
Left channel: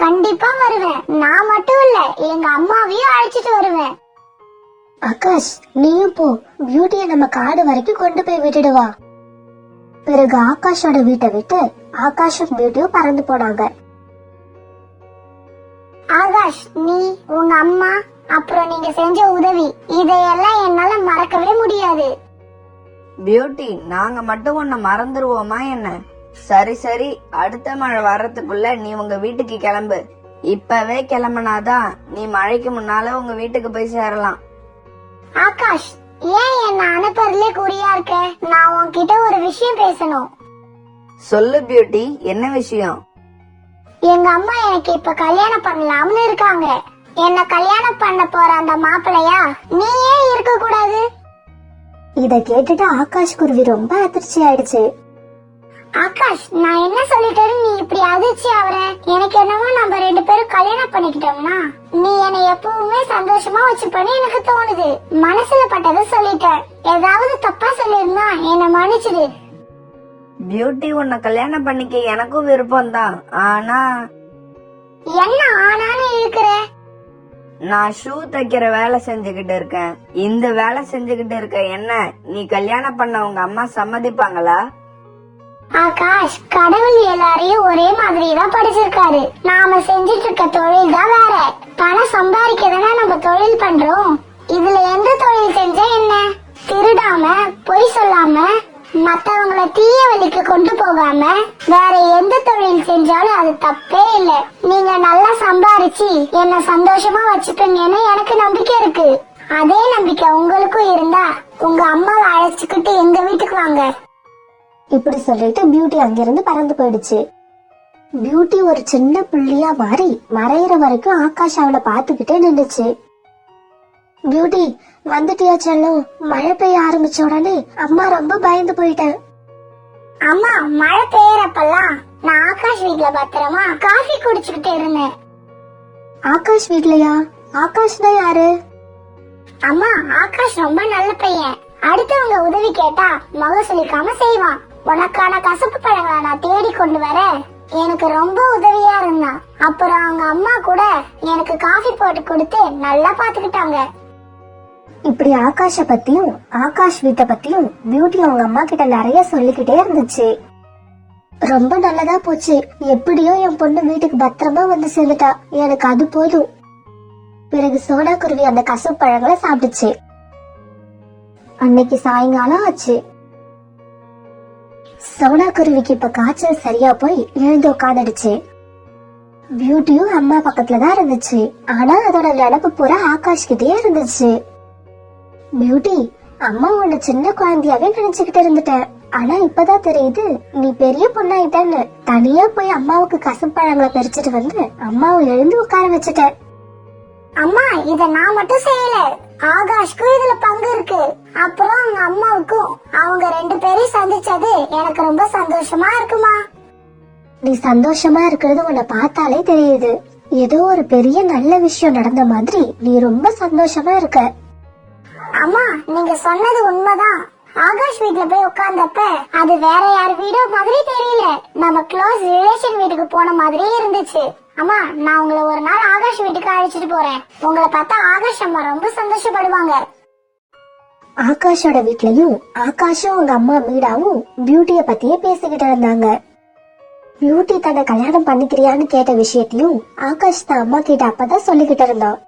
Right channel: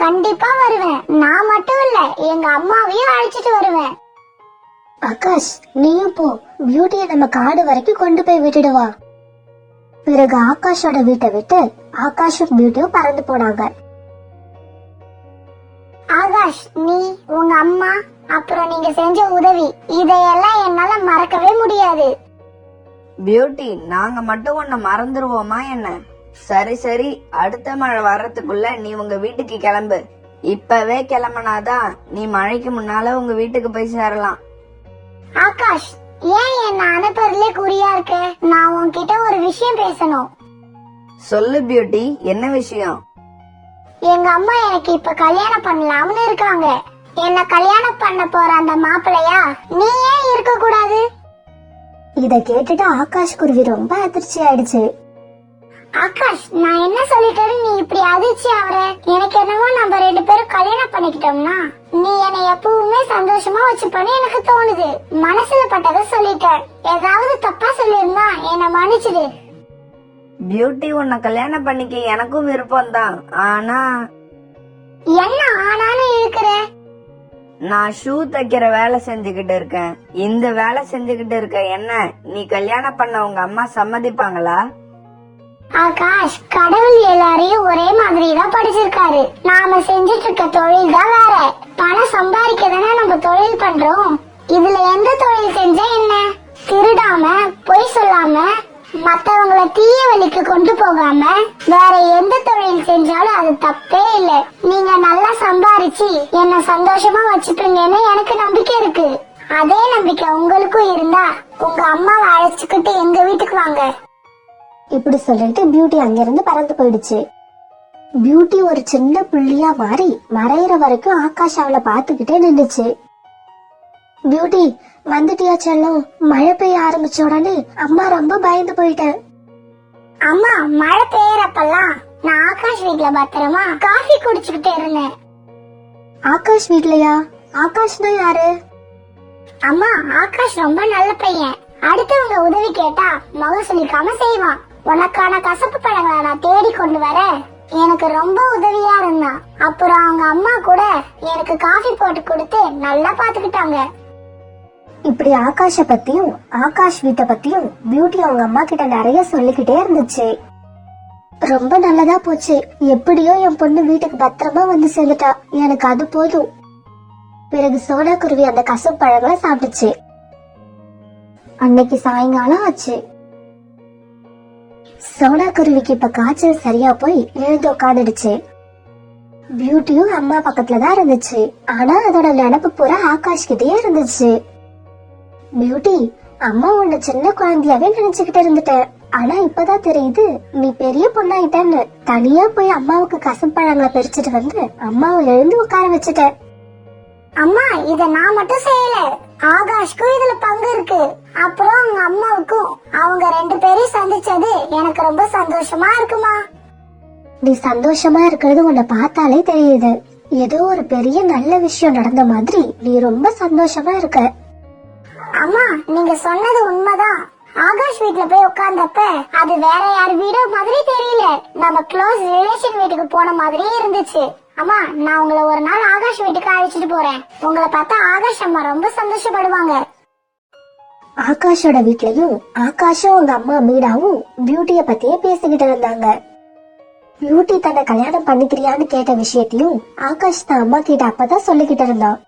கண்டிப்பா வருவேன். நான் மட்டும் இல்ல, எங்க அம்மாவையும் அழைச்சிட்டு வருவேன். ஆகாஷ், நீயும் போ. பியூட்டிய நம்ம காடு வரைக்கும் கொண்டு போய் விட்டுடுவா. பிறகு ஆகாஷோட வீட்டை விட்டு ஆகாஷும் பியூட்டியும் பறந்து போனாங்க. ஆகாஷ், நீ, உங்க அம்மா, அப்புறம் நீங்க செஞ்ச உதவி, இதையெல்லாம் என்னால மறக்கவே முடியாது. பியூட்டி, நாங்க மட்டும் உன்னை மறந்துருவோமா என்ன? சரி சரி, அடுத்த மழை வர்றதுக்குள்ள நீ உங்க வீட்டுக்கு கிளம்பு. இப்பவே கிளம்புனாதான் நீ மழைக்கு முன்னால உங்க வீட்டுக்கு போய் சேரலாம். ஆகாஷ், ஏன் என்ன அனுப்புறதுலே குறியா இருக்க? நான் உன்கிட்ட ஒரு விஷயம் பேசணும். சொல்லு பியூட்டி, என்ன விஷயம்? எங்க அம்மா எனக்கு இப்ப கல்யாணம் பண்ணலாம்னு இருக்காங்க. என்ன கல்யாணம் பண்ண போற அந்த மாப்பிள்ளையா நீ ஏன் இருக்க கூடாது? இத கேட்டுட்டு ஆகாஷ் குருவி ரொம்ப அதிர்ச்சி ஆயிடுச்சு. ஆகாஷ், நான் என்ன சொல்லிட்டேன்னு நீ இப்படி அதிர்ச்சி ஆகுற? எனக்கு என்னவோ நம்ம 2 பேரும் கல்யாணம் பண்ணிக்கிட்டோம்னா நீ என்னை எப்பவுமே சந்தோஷமா வச்சுப்பன்னு எனக்கு தோணுது. மனசுல பட்டதை சொல்லிட்டேன். ஏதாவது தப்பா சொல்லிருந்தா என்ன மன்னிச்சிடு. பியூட்டி, உன்னை கல்யாணம் பண்ணிக்க எனக்கும் விருப்பம் தான். ஆனா என்ன ஆனான்னு இருக்கிற? நான் ஷூ தைக்கிற வேலை செஞ்சுக்கிட்டு இருக்கேன். இந்த வேலை செஞ்சுக்கிட்டு இருக்க என்ன நீ கல்யாணம் பண்ண உங்க அம்மா சம்மதிப்பாங்களா? ஆகாஷ், கடவுள் எல்லாரையும் ஒரே மாதிரி தான் படிச்சிருக்காரு. நாம செஞ்சிட்டு இருக்க தொழில் தான் வேற. பணம் சம்பாதிக்கதானே நம்ம தொழில் பண்றோம். இதுல எந்த தொழில் செஞ்சா என்ன? திருடாம, பொய் சொல்லாம, மத்தவங்கள தீய வழிக்கு கொண்டு போகாம வேற எந்த தொழில் செஞ்சாலும் அது தப்பே இல்ல. நீங்க நல்லா சம்பாரிச்சு என்ன சந்தோஷமா வச்சுப்பீங்கன்னு எனக்கு நம்பிக்கை இருக்கு. அதே நம்பிக்கை உங்களுக்கும் இருந்தா உங்க அம்மாவை அழைச்சுக்கிட்டு எங்க வீட்டுக்கு வாங்க. இப்படி சொல்லிட்டு பியூட்டி அங்கிருந்து பறந்து போயிடுச்சு. பியூட்டி ஒரு சின்ன புள்ளியா மாறி மறையிற வரைக்கும் ஆகாஷ் அவளை பாத்துக்கிட்டே நின்னுச்சு. பியூட்டி, வந்துட்டியா செல்லம்? மழை பெய்ய ஆரம்பிச்ச உடனே அம்மா ரொம்ப பயந்து போயிட்டேன். அம்மா, மழை பெய்யறப்பெல்லாம் நான் ஆகாஷ் வீட்ல பத்திரமா காஃபி குடிச்சுக்கிட்டு இருந்தேன். ஆகாஷ் வீட்லயா? ஆகாஷ் தான் யாரு? அம்மா, ஆகாஷ் ரொம்ப நல்ல பையன். அடுத்தவங்க உதவி கேட்டா முகம் சுளிக்காம செய்வான். உனக்கான கசப்பு பழங்களை நான் தேடி கொண்டு வர எனக்கு ரொம்ப உதவியா இருந்தான். அப்புறம் அவங்க அம்மா கூட எனக்கு காஃபி போட்டு கொடுத்து நல்லா பாத்துக்கிட்டாங்க. இப்படி ஆகாஷ பத்தியும் ஆகாஷ் வீட்டை பத்தியும் பியூட்டி அவங்க அம்மா கிட்ட நிறைய சொல்லிக்கிட்டே இருந்துச்சு. ரொம்ப நல்லதா போச்சு. எப்படியோ என் பொண்ணு வீட்டுக்கு பத்திரமா வந்து சேர்ந்துட்டா. எனக்கு அது போதும். பிறகு சோடா குருவி அந்த கசப்பு பழங்களை சாப்பிட்டுச்சு. அன்னைக்கு சாயங்காலம் ஆச்சு. சோடா குருவிக்கு இப்ப காய்ச்சல் சரியா போய் எழுந்து உட்காந்துடுச்சு. பியூட்டியும் அம்மா பக்கத்துலதான் இருந்துச்சு. ஆனா அதோட நடப்பு போற ஆகாஷ் கிட்டே இருந்துச்சு. பியூட்டி, அம்மா உன்னை சின்ன குழந்தையாவே நினைச்சுக்கிட்டு இருந்துட்டேன். ஆனா இப்பதான் தெரியுது நீ பெரிய பொண்ணாயிட்டன்னு. தனியா போய் அம்மாவுக்கு கசப்பழங்களை பறிச்சுட்டு வந்து அம்மாவை எழுந்து உட்கார வச்சுட்டேன். அம்மா, இத நான் மட்டும் செய்யல, ஆகாஷ்க்கும் இதுல பங்கு இருக்கு. அப்புறம் அவங்க அம்மாவுக்கும். அவங்க 2 பேரையும் சந்திச்சது எனக்கு ரொம்ப சந்தோஷமா இருக்குமா. நீ சந்தோஷமா இருக்கிறது உன்னை பார்த்தாலே தெரியுது. ஏதோ ஒரு பெரிய நல்ல விஷயம் நடந்த மாதிரி நீ ரொம்ப சந்தோஷமா இருக்க. அம்மா, நீங்க சொன்னது உண்மைதான். ஆகாஷ் வீட்ல போய் உட்கார்ந்தப்ப அது வேற யார் வீடோ மாதிரி தெரியல. நம்ம க்ளோஸ் ரிலேஷன் வீட்டுக்கு போன மாதிரி இருந்துச்சு. அம்மா, நான் உங்களை ஒரு நாள் ஆகாஷ் வீட்டுக்கு அழைச்சிட்டு போறேன். உங்களை பார்த்தா ஆகாஷ் அம்மா ரொம்ப சந்தோஷப்படுவாங்க. ஆகாஷோட வீட்லயும் ஆகாஷும் அவங்க அம்மா மீனாவும் பியூட்டிய பத்தியே பேசிக்கிட்டு இருந்தாங்க. பியூட்டி தன்னை கல்யாணம் பண்ணிக்கிறியான்னு கேட்ட விஷயத்தையும் ஆகாஷ் தான் அம்மா கிட்ட அப்பதான் சொல்லிக்கிட்டு இருந்தான்.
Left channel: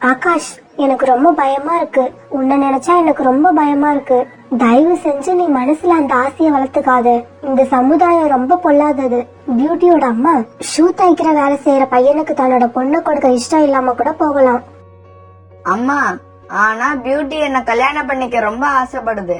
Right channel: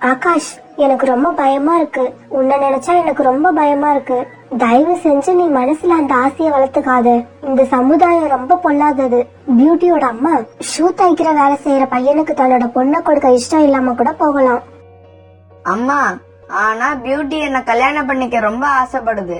ஆகாஷ், எனக்கு ரொம்ப பயமா இருக்கு. உன்னை நினைச்சா எனக்கு ரொம்ப பயமா இருக்கு. தயவு செஞ்சு நீ மனசுல அந்த ஆசையை வளர்த்துக்காத. இந்த சமுதாயம் ரொம்ப பொல்லாதது. பியூட்டியோட அம்மா ஷூ தைக்கிற வேலை செய்யற பையனுக்கு தன்னோட பொண்ணை கொடுக்க இஷ்டம் இல்லாம கூட போகலாம். அம்மா, ஆனா பியூட்டி என்ன கல்யாணம் பண்ணிக்க ரொம்ப ஆசைப்படுது.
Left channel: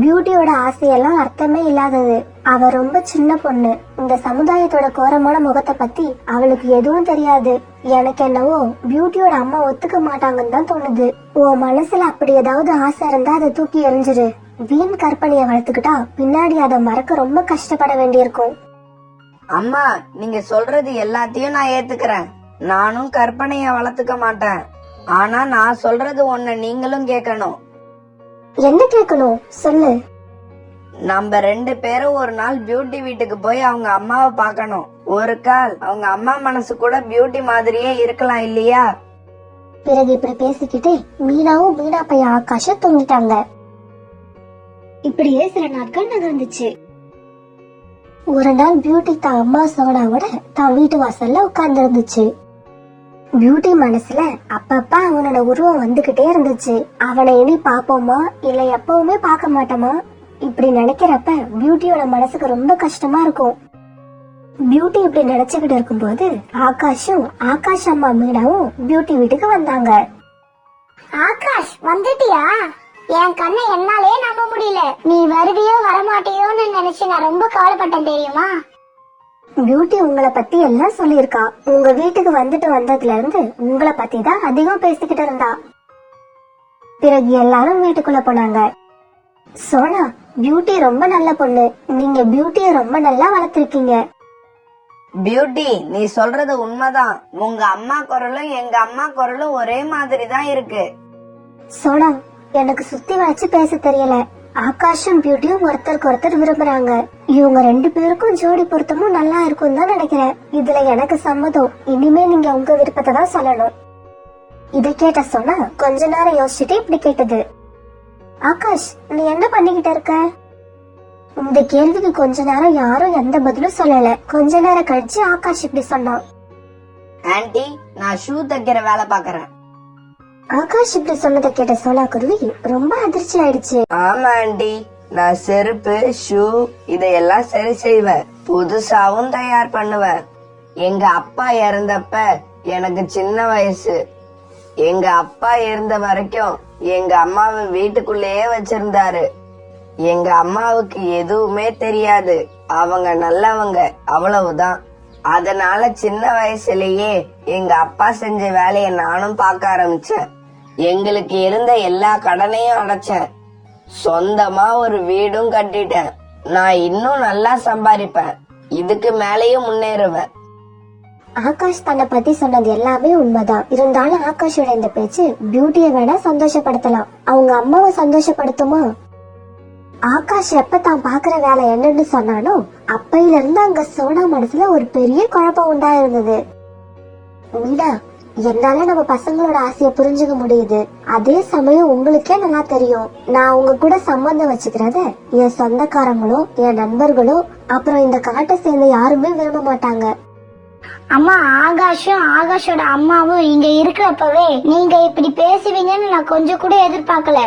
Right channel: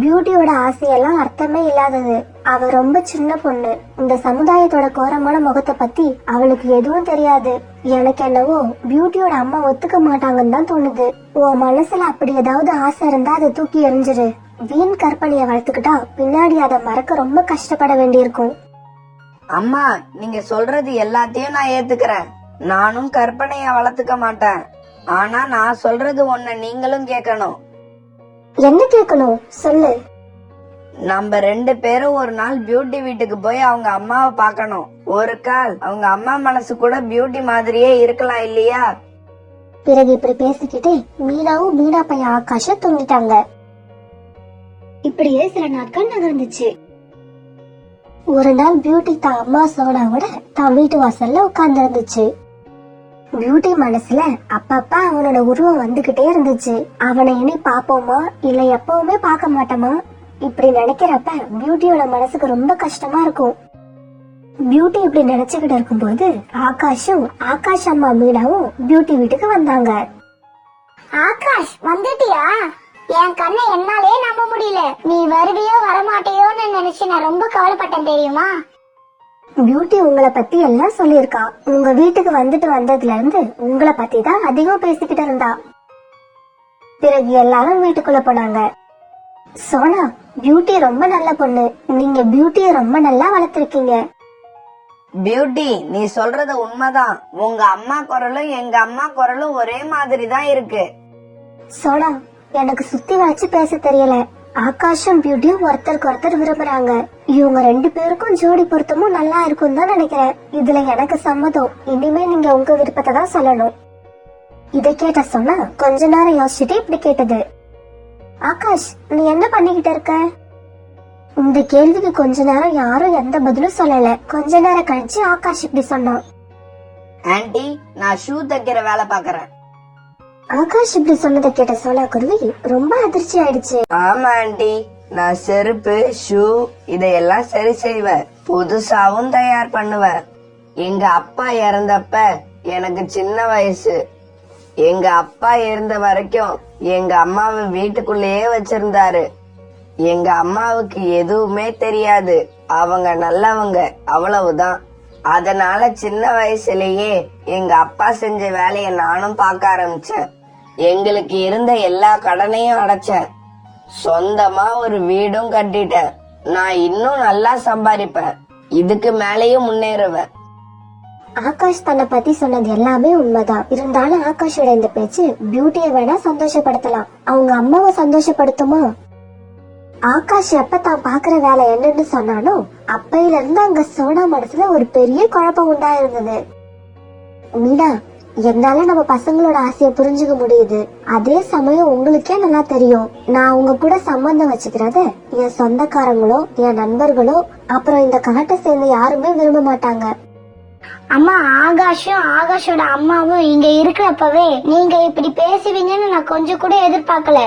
பியூட்டியோட ஆசையெல்லாம் அர்த்தமே இல்லாதது. அவ ரொம்ப சின்ன பொண்ணு. இந்த சமுதாயத்தோட கோரமான முகத்தை பத்தி அவளுக்கு எதுவும் தெரியாது. எனக்கு என்னவோ பியூட்டியோட அம்மா ஒத்துக்க மாட்டாங்கன்னு தான் தோணுது. உன் மனசுல அப்படி ஏதாவது ஆசை இருந்தா அதை தூக்கி எறிஞ்சிரு. வீண் கற்பனைய வளர்த்துக்கிட்டா பின்னாடி அதை மறக்க ரொம்ப கஷ்டப்பட வேண்டியிருக்கும். அம்மா, நீங்க சொல்றது எல்லாத்தையும் நான் ஏத்துக்கிறேன். நானும் கற்பனைய வளர்த்துக்க மாட்டேன். ஆனா நான் சொல்றது ஒண்ணு நீங்களும் கேட்கணும். என்ன கேட்கணும் சொல்லு. நம்ம 2 பேரும் ஒரு நாள் பியூட்டி வீட்டுக்கு போய் அவங்க அம்மாவை பார்க்கணும். ஒரு கால் அவங்க அம்மா மனசு கூட பியூட்டி மாதிரியே இருக்கலாம் இல்லையா? பிறகு இப்படி பேசிக்கிட்டே மீனாவும் மீனா பையன் ஆகாஷும் தூங்கிட்டாங்க. இப்படியே சில நாட்கள் நகர்ந்துச்சு. ஒரு நாள் பியூட்டி தான் அம்மா சோனாவோட தான் வீட்டு வாசல்ல உட்கார்ந்து இருந்துச்சு. பியூட்டி மனசுல அப்பப்ப அவனோட உருவம் வந்துகிட்டே இருந்துச்சு. அவனை இனி பாப்போமா இல்ல எப்பவுமே பார்க்க மாட்டோமா இப்படி நினைக்கிறப்ப பியூட்டியோட மனசுக்கு ரொம்ப கஷ்டமா இருக்கும். பியூட்டி இப்படி நினைச்சுக்கிட்டு இருக்கும்போது ஆகாஷும் ஆகாஷ் அம்மா மீனாவும் பியூட்டி வீட்டுக்கு வந்தாங்க. ஆகாஷ், வந்துட்டியா? என் கண்ணை என்னாலே நம்ப முடியல. நீ வருவியோ வரமாட்டியோன்னு நினைச்சு நான் ரொம்ப கவலைப்பட்டேன் தெரியுமா? பியூட்டி உங்களை பத்தி எல்லாம் சொல்லியிருக்கா. உங்க வீட்டுக்கு வந்துட்டு வந்ததுல இருந்து உங்களை பத்தி தான் அதிகம் பேசிக்கிட்டு இருந்தா. பிறகு எல்லாரும் வீட்டுக்குள்ள போனாங்க. சோனா, பியூட்டி ரொம்ப நல்ல பொண்ணு. நீங்க பியூட்டிய ரொம்ப நல்லா வளர்த்திருக்கீங்க. பியூட்டி, நீ சொல்றது உண்மைதான். உங்க அம்மா குரலும் எங்க அம்மா குரலும் ஒரே மாதிரி தான் இருக்கு. சோனா, எனக்கு சுத்தி வளைச்சு பேச தெரியல. ஆகாஷும் பியூட்டியும் ஒருத்தருக்கு ஒருத்தர் விரும்புறாங்க. இவங்க 2 பேருக்கும் ஜோடி பொருத்தமும் நல்லா இருக்கும் தான் நினைக்கிறேன். இதுல எனக்கு சம்மதம். இனிமே நீங்க உங்க விருப்பத்தை தான் சொல்லணும். இதை கேட்ட சொன்னா கொஞ்ச நேரம் யோசிச்சுட்டு இப்படி கேட்டது. ஆகாஷ், நீ என்ன பண்ணிக்கிட்டு இருக்க? இந்த கேள்விக்கு கொஞ்ச நேரம் யாரும் எந்த பதிலும் சொல்லல. கொஞ்ச நேரம் கழிச்சு ஆகாஷ் இப்படி சொன்னான். ஆன்ட்டி, நான் ஷூ தைக்கிற வேலை பாக்குறேன். ஆகாஷ் இப்படி சொன்னதை கேட்ட சோனா குருவி ரொம்ப அதிர்ச்சி ஆயிடுச்சு. ஆமா ஆன்ட்டி, நான் செருப்பு, ஷூ இதையெல்லாம் சரி செய்வேன். புதுசாவும் தயார் பண்ணுவேன். எங்க அப்பா இறந்தப்ப எனக்கு சின்ன வயசு. எங்க அப்பா இருந்த வரைக்கும் எங்க அம்மாவை வீட்டுக்குள்ளேயே வச்சிருந்தாரு. எங்க அம்மாவுக்கு எதுவுமே தெரியாது. அவங்க நல்லவங்க, அவ்வளவுதான். அதனால சின்ன வயசுலயே எங்க அப்பா செஞ்ச வேலைய நானும் பார்க்க ஆரம்பிச்சேன். எங்களுக்கு இருந்த எல்லா கடனையும் அடைச்சேன். சொந்தமா ஒரு வீடும் கட்டிட்டேன். நான் இன்னும் நல்லா சம்பாதிப்பேன். இதுக்கு மேலேயும் முன்னேறுவேன். ஆகாஷ் தன்னை பத்தி சொன்னது எல்லாமே உண்மைதான். இருந்தாலும் ஆகாஷோட இந்த பேச்சு பியூட்டியை வேணா சந்தோஷப்படுத்தலாம், அவங்க அம்மாவை சந்தோஷப்படுத்துமா? ஆகாஷ் எப்ப தான் பாக்குற வேலை என்னன்னு சொன்னானோ அப்பையில இருந்து அங்க சோனா மனசுல ஒரு பெரிய குழப்பம் உண்டா இருந்தது. மீனா, என்னால நம்ம பசங்களோட ஆசைய புரிஞ்சுக்க முடியுது. அதே சமயம் உங்களுக்கே நல்லா தெரியும், நான் உங்க கூட சம்பந்தம் வச்சுக்கிறத என் சொந்தக்காரங்களோ என் நண்பர்களோ அப்புறம் இந்த காட்டை சேர்ந்த யாருமே விரும்ப மாட்டாங்க. அம்மா, ஆகாஷும் ஆகாஷோட அம்மாவும் இங்க இருக்கிறப்பவே நீங்க இப்படி பேசுவீங்கன்னு நான் கொஞ்சம் கூட எதிர்பார்க்கல.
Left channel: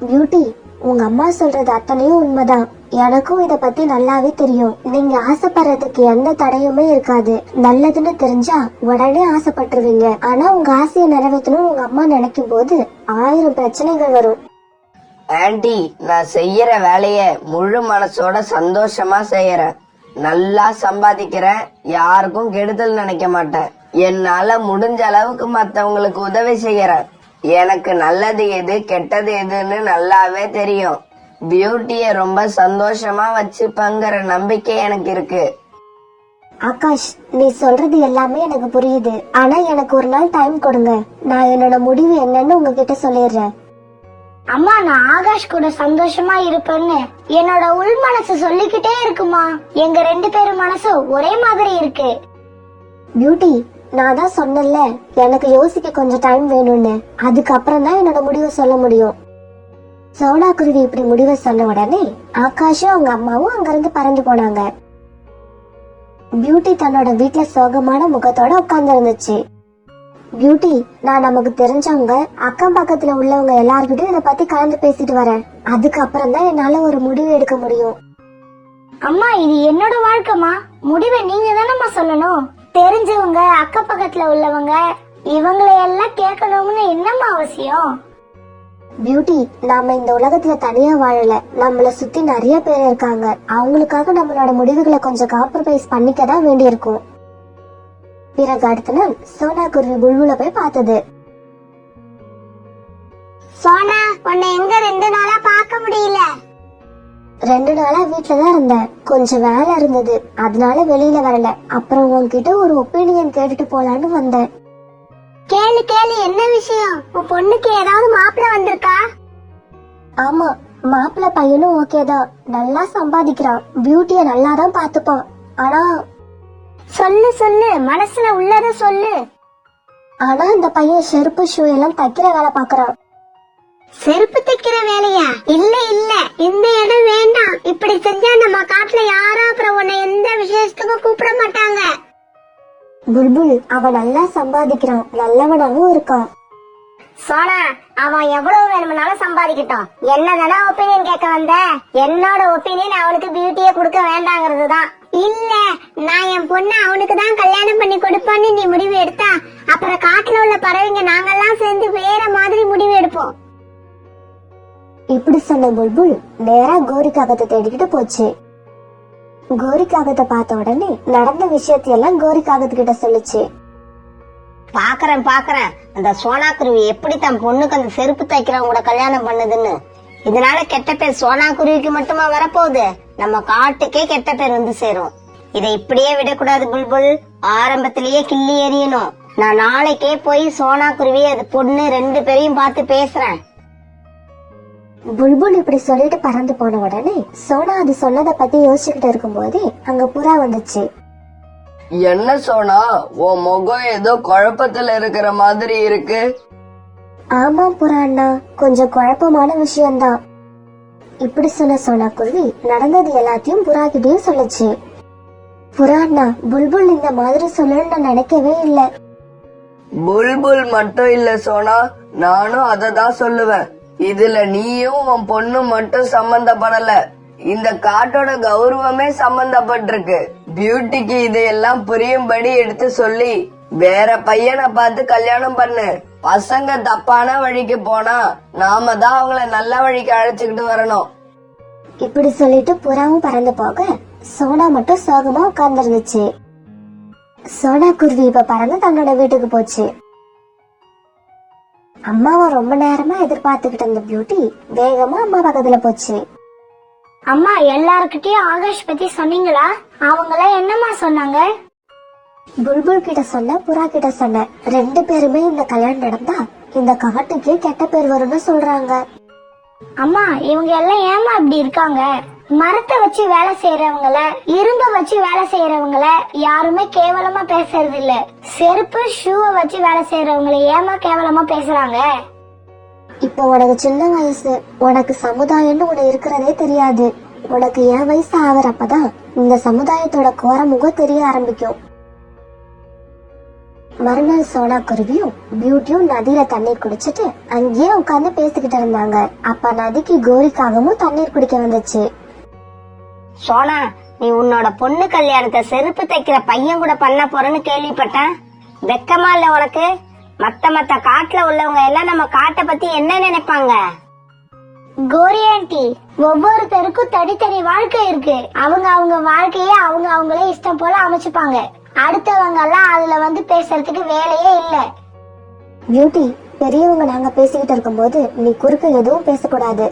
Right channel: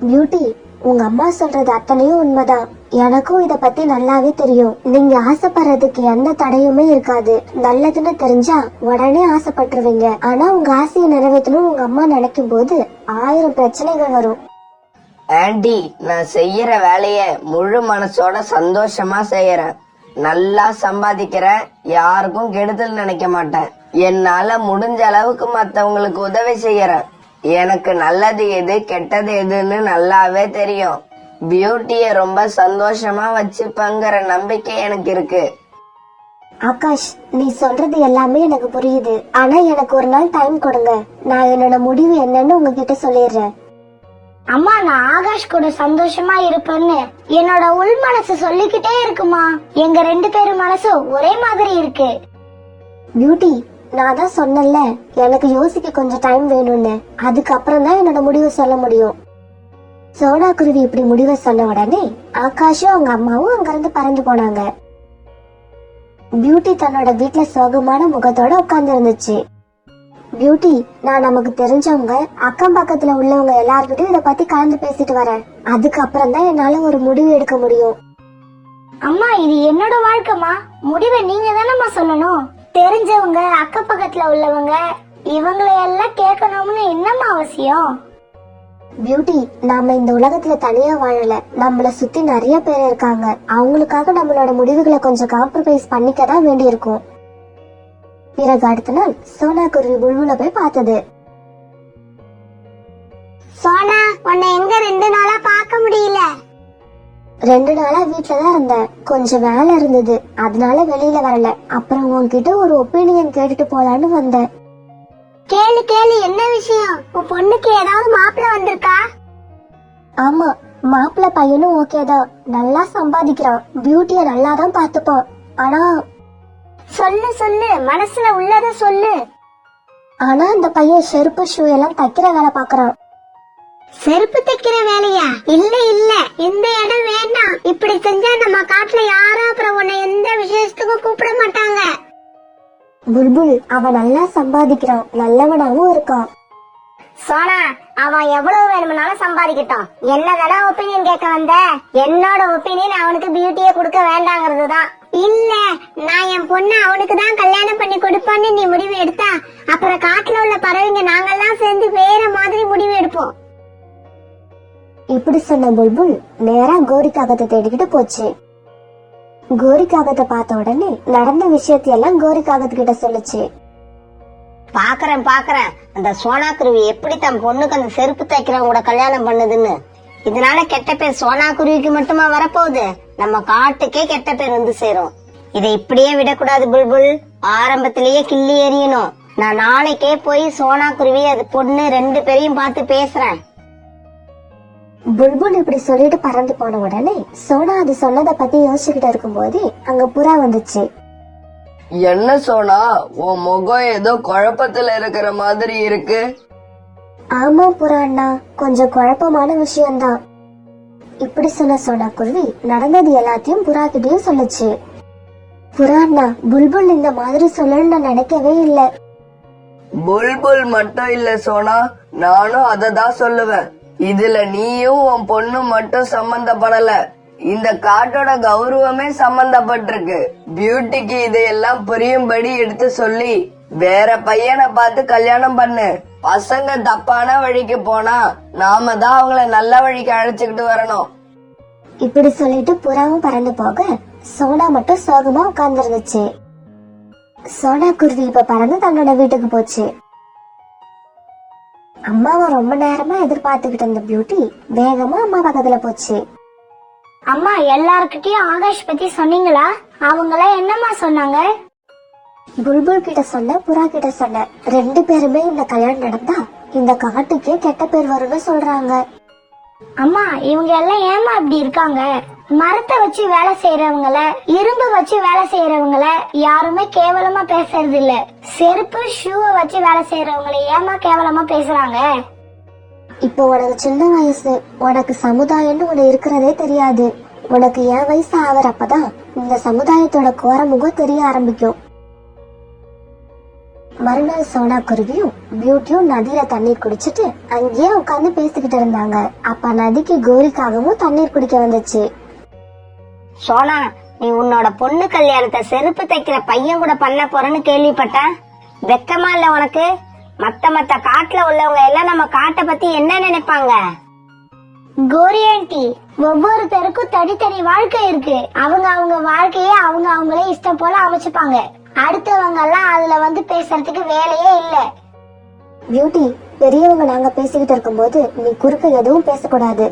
பியூட்டி, உங்க அம்மா சொல்றது அத்தனையும் உண்மைதான். எனக்கும் இத பத்தி நல்லாவே தெரியும். நீங்க ஆசைப்படுறதுக்கு எந்த தடையுமே இருக்காது. நல்லதுன்னு தெரிஞ்சா உடனே ஆசைப்பட்டுருவீங்க. ஆனா உங்க ஆசையை நிறைவேற்றணும் உங்க அம்மா நினைக்கும் போது 1000 பிரச்சனைகள் வரும். ஆன்ட்டி, நான் செய்யற வேலைய முழு மனசோட சந்தோஷமா செய்யறேன். நல்லா சம்பாதிக்கிறேன். யாருக்கும் கெடுதல் நினைக்க மாட்டேன். என்னால முடிஞ்ச அளவுக்கு மத்தவங்களுக்கு உதவி செய்யறேன். எனக்கு நல்லது எது கெட்டது எதுன்னு நல்லாவே தெரியும். பியூட்டிய ரொம்ப சந்தோஷமா வச்சுப்பங்கிற நம்பிக்கை எனக்கு இருக்கு. ஆகாஷ், நீ சொல்றது எல்லாமே எனக்கு புரியுது. ஆனா எனக்கு ஒரு நாள் டைம் கொடுங்க. நான் என்னோட முடிவு என்னன்னு உங்ககிட்ட சொல்லிடுறேன். அம்மா, நான் ஆகாஷ் கூட சந்தோஷமா இருப்பேன்னு என்னோட உள் மனசு சொல்லிக்கிட்டே இருக்குமா. எங்க 2 பேரும் மனசும் ஒரே மாதிரி இருக்கு. பியூட்டி, நான் தான் சொன்னேன்ல எனக்கு யோசிக்க கொஞ்சம் டைம் வேணும்னு. அதுக்கப்புறம் தான் என்னோட முடிவு சொல்ல முடியும். சோனா குருவி இப்படி முடிவை சொன்ன உடனே ஆகாஷும் அவங்க அம்மாவும் அங்கிருந்து பறந்து போனாங்க. பியூட்டி தன்னோட வீட்டுல சோகமான முகத்தோட உட்கார்ந்து இருந்துச்சு. பியூட்டி, நான் நமக்கு தெரிஞ்சவங்க அக்கம் பக்கத்துல உள்ளவங்க எல்லார்கிட்டயும் இத பத்தி கலந்து பேசிட்டு வரேன். அதுக்கப்புறம் தான் என்னால ஒரு முடிவு எடுக்க முடியும். அம்மா, இது என்னோட வாழ்க்கைமா, முடிவை நீங்க தானம்மா சொல்லணும். தெரிஞ்சவங்க அக்கம் பக்கத்துல உள்ளவங்க இவங்களை எல்லாம் கேட்கணும்னு என்னம்மா அவசியம்? பியூட்டி, நாம இந்த உலகத்துல தனியா வாழல. நம்மள சுத்தி நிறைய பேர் இருக்காங்க. அவங்களுக்காக நம்மளோட முடிவுகளை கொஞ்சம் காம்ப்ரமைஸ் பண்ணிக்கதான் வேண்டி இருக்கும். பிறகு அடுத்த நாள் சோனா குருவி புல்புல போய் பார்த்தது. சோனா, உன்னை எங்க 2 நாளா பார்க்க முடியல? 2 நாளா வீட்டுலதான் இருந்தேன். கொஞ்சம் வேலை இருந்தது, அதனால வெளியில வரல. அப்புறம் உன்கிட்ட ஒரு ஒப்பீனியன் கேட்டுட்டு போலான்னு வந்தேன். கேளு கேளு, என்ன விஷயம்? உன் பொண்ணுக்கு ஏதாவது மாப்பிள்ள வந்திருக்கா? ஆமா, மாப்பிள்ள பையனும் ஓகேதான். நல்லா சம்பாதிக்கிறான். பியூட்டிய நல்லாதான் பாத்துப்பான். ஆனா சொல்லு சொல்லு, மனசுல உள்ளத சொல்லு. ஆனா அந்த பையன் செருப்பு ஷூ எல்லாம் தைக்கிற வேலை பாக்குறான். செருப்பு தைக்கிற வேலையா? இல்ல இல்ல, இந்த இடம் வேண்டாம். இப்படி செஞ்சா நம்ம காட்டுல யாரும் அப்புறம் உன்னை எந்த விசேஷத்துக்கும் கூப்பிட மாட்டாங்க. புல்புல், அவன் நல்லா சம்பாதிக்கிறான், நல்லவனாவும் இருக்கான். சோனா, அவன் எவ்வளவு வேணும்னாலும் சம்பாதிக்கட்டும். என்னதானே ஒப்பீனியன் கேட்க வந்த? என்னோட ஒப்பீனியன் அவனுக்கு பியூட்டியை கொடுக்க வேண்டாங்கிறது தான். இல்ல, நான் என் பொண்ணை அவனுக்கு தான் கல்யாணம் பண்ணி கொடுப்பேன்னு நீ முடிவு எடுத்தா அப்புறம் காட்டுல உள்ள பறவைங்க நாங்கெல்லாம் சேர்ந்து வேற மாதிரி முடிவு எடுப்போம். இப்படி சொன்ன புல்புல் நேரா கோரி காகத்தை தேடிக்கிட்டு போச்சு. கோரி காகத்தை பார்த்த உடனே நடந்த விஷயத்தையெல்லாம் கோரி காகத்துக்கிட்ட சொல்லுச்சு. பாக்குறேன் அந்த சோனா குருவி எப்படி தன் பொண்ணுக்கு அந்த செருப்பு தைக்கிறவங்க கூட கல்யாணம் பண்ணுதுன்னு. இதனால கெட்ட பேர் சோனா குருவிக்கு மட்டுமா வரப்போகுது, நம்ம காட்டுக்கே கெட்ட பேர் வந்து சேரும். இதை இப்படியே விடக்கூடாது புல்புல், ஆரம்பத்திலேயே கிள்ளி எறியணும். நான் நாளைக்கே போய் சோனா குருவி அது பொண்ணு 2 பேரையும் பார்த்து பேசுறேன். புல்புல் இப்படி சொல்லிட்டு பறந்து போன உடனே சோனா அது சொன்னதை பத்தி யோசிச்சுக்கிட்டு இருக்கும் போதே அங்க புறா வந்துச்சு. என்ன சோனா, உன் முகம் ஏதோ குழப்பத்துல இருக்கிற மாதிரி இருக்கு. ஆமா புறா அண்ணா, கொஞ்சம் குழப்பமான விஷயம்தான். இப்படி சொன்ன சோனா குருவி நடந்தது எல்லாத்தையும் புறா கிட்டயும் சொல்லுச்சு. புறா அண்ணா, புல்புல் இந்த மாதிரி சொல்லணும்னு நான் நினைக்கவே இல்ல. புல்புல் மட்டும் இல்ல சோனா, நானும் அததான் சொல்லுவேன். இதுல நீயும் உன் பொண்ணு மட்டும் சம்பந்தப்படல, இந்த காட்டோட கௌரவமே சம்பந்தப்பட்டிருக்கு. பியூட்டிக்கு இதையெல்லாம் புரியும்படி எடுத்து சொல்லி வேற பையனை பார்த்து கல்யாணம் பண்ணு. பசங்க தப்பான வழிக்கு போனா நாம தான் அவங்கள நல்ல வழிக்கு அழைச்சுக்கிட்டு வரணும். இப்படி சொல்லிட்டு புறாவும் பறந்து போக சோனா மட்டும் சோகமா உட்கார்ந்து இருந்துச்சு. சோனா குருவி இப்ப பறந்து தன்னோட வீட்டுக்கு போச்சு. அம்மாவை ரொம்ப நேரமா எதிர்பார்த்துக்கிட்டு இருந்த பியூட்டி வேகமா அம்மா பக்கத்துல போச்சு. அம்மா, எல்லார்கிட்டயும் ஆகாஷ் பத்தி சொன்னீங்களா? அவங்களாம் என்னம்மா சொன்னாங்க? புல்புல் கிட்ட சொன்ன, புறா கிட்ட சொன்ன. 2 பேருமே இந்த கல்யாணம் நடந்தா இந்த காட்டுக்கே கெட்ட பேர் வரும்னு சொல்றாங்க. அம்மா, இவங்க எல்லாம் ஏமா இப்படி இருக்காங்க? மரத்தை வச்சு வேலை செய்யறவங்கள, இரும்பு வச்சு வேலை செய்யறவங்கள யாருமே கேவலமா பேசுறது இல்ல. செருப்பு ஷூவை வச்சு வேலை செய்யறவங்களை ஏமா கேவலமா பேசுறாங்க? இப்ப உனக்கு சின்ன வயசு, உனக்கு சமுதாயம்னு ஒண்ணு இருக்கிறதே தெரியாது. உனக்கு என் வயசு ஆவறப்பதான் இந்த சமுதாயத்தோட கோரமுகம் தெரிய ஆரம்பிக்கும். மறுநாள் சோனா குருவியும் பியூட்டியும் நதியில தண்ணீர் குடிச்சிட்டு அங்கேயே உட்கார்ந்து பேசிக்கிட்டு இருந்தாங்க. அப்ப நதிக்கு கோரிக்காகவும் தண்ணீர் குடிக்க வந்துச்சு. சோனா, நீ உன்னோட பொண்ணு கல்யாணத்தை செருப்பு தைக்கிற பையன் கூட பண்ண போறேன்னு கேள்விப்பட்டேன். வெக்கமா இல்ல உனக்கு? மத்த காட்டுல உள்ளவங்க எல்லாம் நம்ம காட்டை பத்தி என்ன நினைப்பாங்க? கோரி ஆண்டி, ஒவ்வொருத்தருக்கும் தனித்தனி வாழ்க்கை இருக்கு. அவங்க வாழ்க்கைய அவங்களே இஷ்டம் போல அமைச்சுப்பாங்க. அடுத்தவங்க எல்லாம் அதுல வந்து பேசுறதுக்கு வேலையே இல்ல. பியூட்டி, பெரியவங்க நாங்க பேசிக்கிட்டு இருக்கும் போது நீ குறுக்கு எதுவும் பேசக்கூடாது.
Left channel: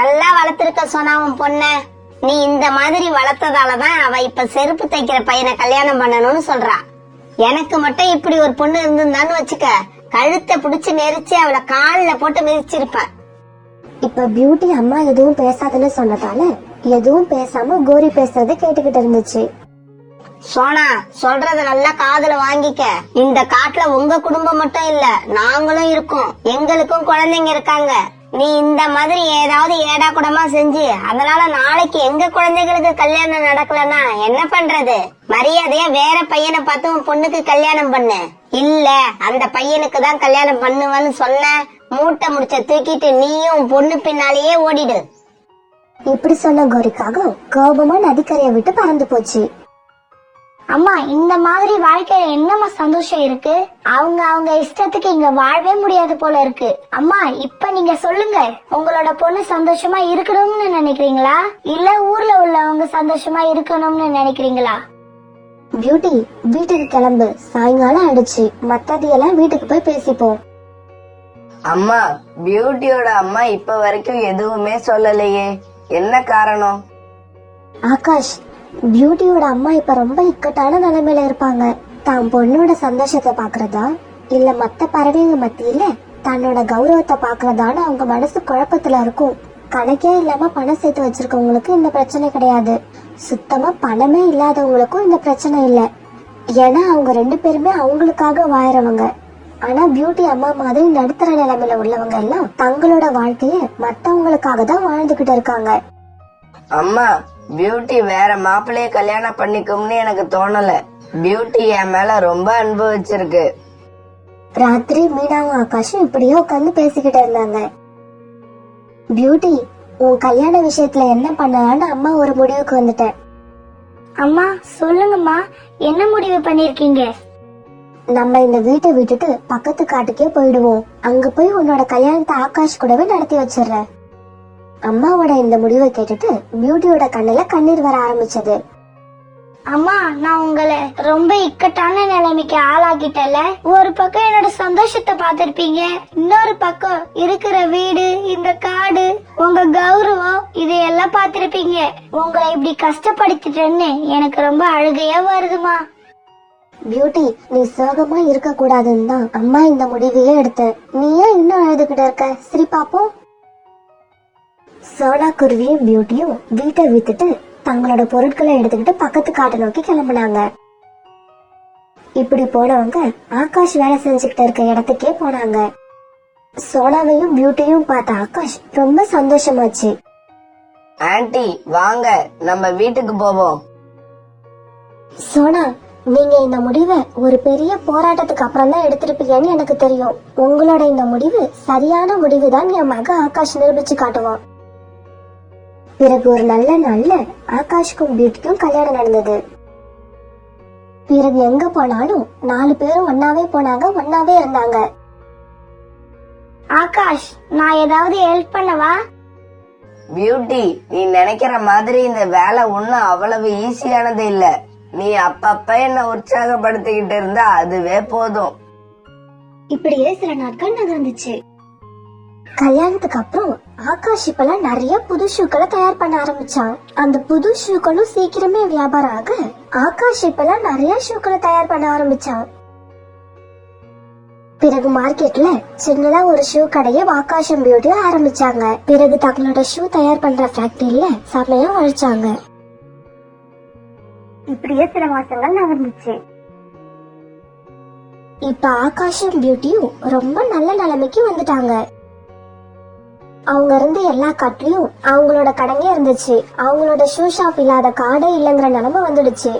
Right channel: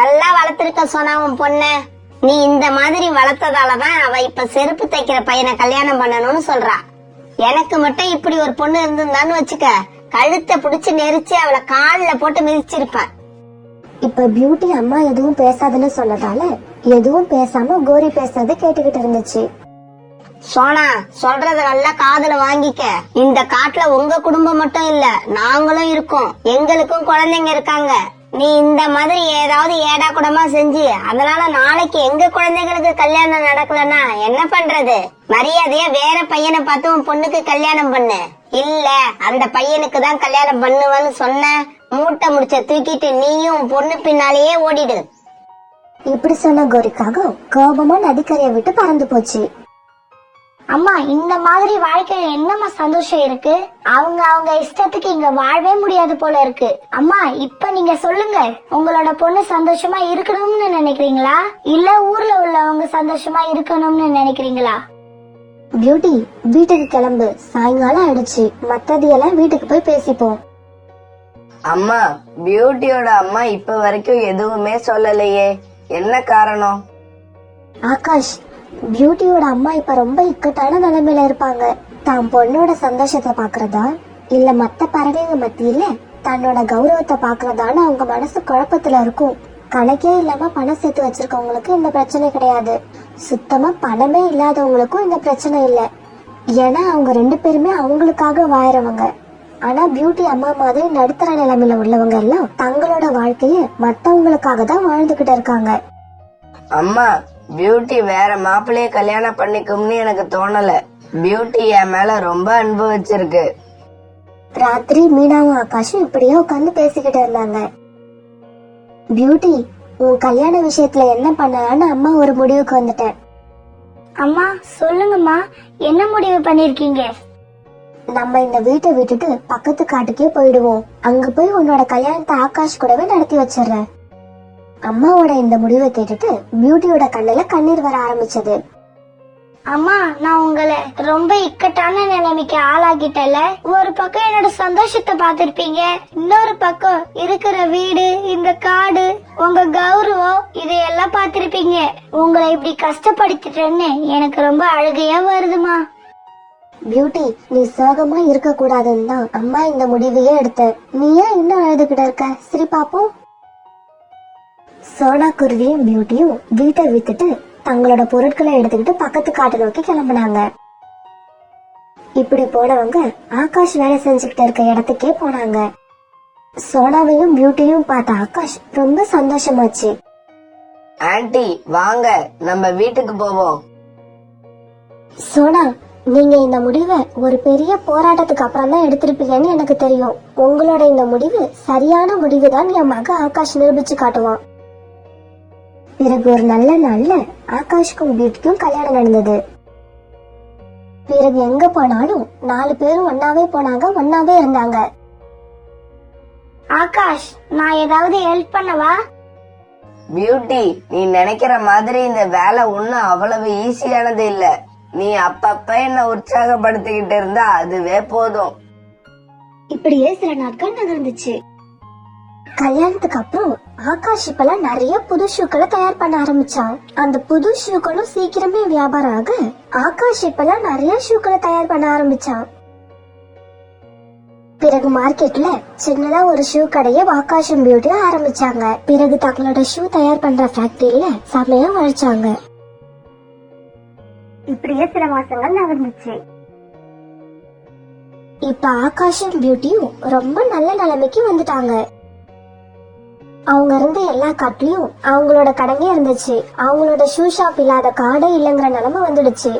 நல்லா வளர்த்திருக்க சோனா உன் பொண்ண. நீ இந்த மாதிரி வளர்த்ததாலதான் அவ இப்ப செருப்பு தைக்கிற பையனை கல்யாணம் பண்ணணும்னு சொல்றா. எனக்கு மட்டும் இப்படி ஒரு பொண்ணு இருந்திருந்தான்னு வச்சுக்க, கழுத்தை பிடிச்சு நெரிச்சு அவளை கால்ல போட்டு மிதிச்சிருப்பேன். இப்ப பியூட்டி அம்மா எதுவும் பேசாதுன்னு சொன்னதால எதுவும் பேசாம கோரி பேசுறத கேட்டுக்கிட்டு இருந்துச்சு. சோனா, சொல்றத நல்லா காதுல வாங்கிக்க. இந்த காட்டுல உங்க குடும்பம் மட்டும் இல்ல, நாங்களும் இருக்கோம். எங்களுக்கும் குழந்தைங்க இருக்காங்க. நீ இந்த மாதிரி ஏதாவது ஏடா கூடமா செஞ்சு அதனால நாளைக்கு எங்க குழந்தைகளுக்கு கல்யாணம் நடக்கலன்னா என்ன பண்றது? மரியாதையா வேற பையனை பார்த்து உன் பொண்ணுக்கு கல்யாணம் பண்ணு. இல்ல அந்த பையனுக்கு தான் கல்யாணம் பண்ணுவேன்னு சொன்ன, மூட்டை முடிச்ச தூக்கிட்டு நீயும் உன் பொண்ணு பின்னாலேயே ஓடிடு. இப்படி சொன்ன கோரிக்காக கோபமா நதிக்கரையை விட்டு பறந்து போச்சு. அம்மா, இந்த மாதிரி வாழ்க்கையில என்னம்மா சந்தோஷம் இருக்கு? அவங்க இஷ்டத்துக்கு இங்க வாழவே முடியாது போல இருக்கு. அம்மா, இப்ப நீங்க சொல்லுங்க, உங்களோட பொண்ணு சந்தோஷமா இருக்கணும்னு நினைக்கிறீங்களா, இல்ல ஊர்ல உள்ளவங்க சந்தோஷமா இருக்கணும்னு நினைக்கிறீங்களா? பியூட்டி, வீட்டுக்கு கிளம்பு, சாயங்காலம் ஆயிடுச்சு. மத்ததையெல்லாம் வீட்டுக்கு போய் பேசிப்போம். அம்மா, பியூட்டியோட அம்மா இப்ப வரைக்கும் எதுவுமே சொல்லலையே, என்ன காரணம்? ஆகாஷ், பியூட்டியோட அம்மா இப்ப ரொம்ப இக்கட்டான நிலைமையில இருப்பாங்க. தான் பொண்ணோட சந்தோஷத்தை பாக்குறதா இல்ல மத்த பறவைங்க மத்தியில தன்னோட கௌரவத்தை பாக்குறதான்னு அவங்க மனசு குழப்பத்துல இருக்கும். கணக்கே இல்லாம பணம் சேர்த்து வச்சிருக்கவங்களுக்கு இந்த பிரச்சனை கிடையாது. சுத்தமா பணமே இல்லாதவங்களுக்கும் இந்த பிரச்சனை இல்ல. ஏன்னா அவங்க 2 பேருமே அவங்களுக்காக வாழறவங்க. ஆனா பியூட்டி அம்மா மாதிரி நடுத்தர நிலைமையில உள்ளவங்க எல்லாம் தங்களோட வாழ்க்கைய மத்தவங்களுக்காக தான் வாழ்ந்துகிட்டு இருக்காங்க. அம்மா, பியூட்டி வேற மாப்பிள்ளைய கல்யாணம் பண்ணிக்கும்னு எனக்கு தோணல. பியூட்டி என் மேல ரொம்ப அன்பு வச்சிருக்கு. ராத்திரி மீனாவும் ஆகாஷும் இப்படியே உட்காந்து பேசிக்கிட்டு இருந்தாங்க. பியூட்டி, உன் கல்யாண விஷயத்துல என்ன பண்ணலான்னு அம்மா ஒரு முடிவுக்கு வந்துட்டேன். அம்மா, சொல்லுங்கம்மா, என்ன முடிவு பண்ணிருக்கீங்க? நம்ம இந்த வீட்டை விட்டுட்டு பக்கத்து காட்டுக்கே போயிடுவோம். அங்க போய் உன்னோட கல்யாணத்தை ஆகாஷ் கூடவே நடத்தி வச்சிடறேன். அம்மாவோட இந்த முடிவை கேட்டுட்டு பியூட்டியோட கண்ணுல கண்ணீர் வர ஆரம்பிச்சது. அம்மா, நான் உங்களை ரொம்ப இக்கட்டான நிலைமைக்கு ஆளாக்கிட்டல. ஒரு பக்கம் என்னோட சந்தோஷத்தை பாத்திருப்பீங்க, இன்னொரு பக்கம் இருக்கிற வீடு, இந்த காடு, உங்க கௌரவம், இதையெல்லாம் பாத்திருப்பீங்க. உங்களை இப்படி கஷ்டப்படுத்திட்டேன்னு எனக்கு ரொம்ப அழுகையா வருதுமா. பியூட்டி, நீ சோகமா இருக்க கூடாதுன்னு தான் அம்மா இந்த முடிவையே எடுத்த. நீ ஏன் இன்னும் அழுதுகிட்ட இருக்க? சரி பாப்போம். சோனா குருவியும் பியூட்டியும் வீட்டை வித்துட்டு தங்களோட பொருட்களை எடுத்துக்கிட்டு பக்கத்து காட்டை நோக்கி கிளம்பினாங்க. இப்படி போனவங்க ஆகாஷ் வேலை செஞ்சுக்கிட்டு இருக்க இடத்துக்கே போனாங்க. சோனாவையும் பியூட்டியும் பார்த்த ஆகாஷ் ரொம்ப சந்தோஷமாச்சு. ஆன்ட்டி, வாங்க நம்ம வீட்டுக்கு போவோம். சோனா, நீங்க இந்த முடிவை ஒரு பெரிய போராட்டத்துக்கு அப்புறம் தான் எடுத்திருப்பீங்கன்னு எனக்கு தெரியும். உங்களோட இந்த முடிவு சரியான முடிவுதான் என் மக ஆகாஷ் நிரூபிச்சு காட்டுவான். பிறகு ஒரு நல்ல நாள்ல ஆகாஷ்க்கும் பியூட்டிக்கும் கல்யாணம் நடந்தது. பிறகு எங்க போனாலும் 4 பேரும் ஒன்னாவே போனாங்க, ஒன்னாவே இருந்தாங்க. ஆகாஷ், நான் ஏதாவது ஹெல்ப் பண்ணவா? பியூட்டி, நீ நினைக்கிற மாதிரி இந்த வேலை ஒண்ணும் அவ்வளவு ஈஸியானது இல்ல. நீ அப்பப்ப என்ன உற்சாகப்படுத்திக்கிட்டு இருந்தா அதுவே போதும். இப்படியே சில நாட்கள் நகர்ந்துச்சு. கல்யாணத்துக்கு அப்புறம் ஆகாஷ் இப்பெல்லாம் நிறைய புது ஷூக்களை தயார் பண்ண ஆரம்பிச்சான். அந்த புது ஷூக்களும் சீக்கிரமே வியாபாரம் ஆக ஆகாஷ் இப்பெல்லாம் நிறைய ஷூக்களை தயார் பண்ண ஆரம்பிச்சான். பிறகு மார்க்கெட்ல சின்னதா ஒரு ஷூ கடையை ஆகாஷும் பியூட்டியும் ஆரம்பிச்சாங்க. பிறகு தங்களோட ஷூ தயார் பண்ற ஃபேக்டரியில சமையா உழைச்சாங்க. இப்படியே சில மாசங்கள் நகர்ந்துச்சு. இப்ப ஆகாஷும் பியூட்டியும் ரொம்ப நல்ல நிலைமைக்கு வந்துட்டாங்க. அவங்க இருந்த எல்லா காட்டிலும் அவங்களோட கடைங்க இருந்துச்சு. அவங்களோட ஷூ ஷாப் இல்லாத காடே இல்லைங்கிற நிலைமை வந்துடுச்சு.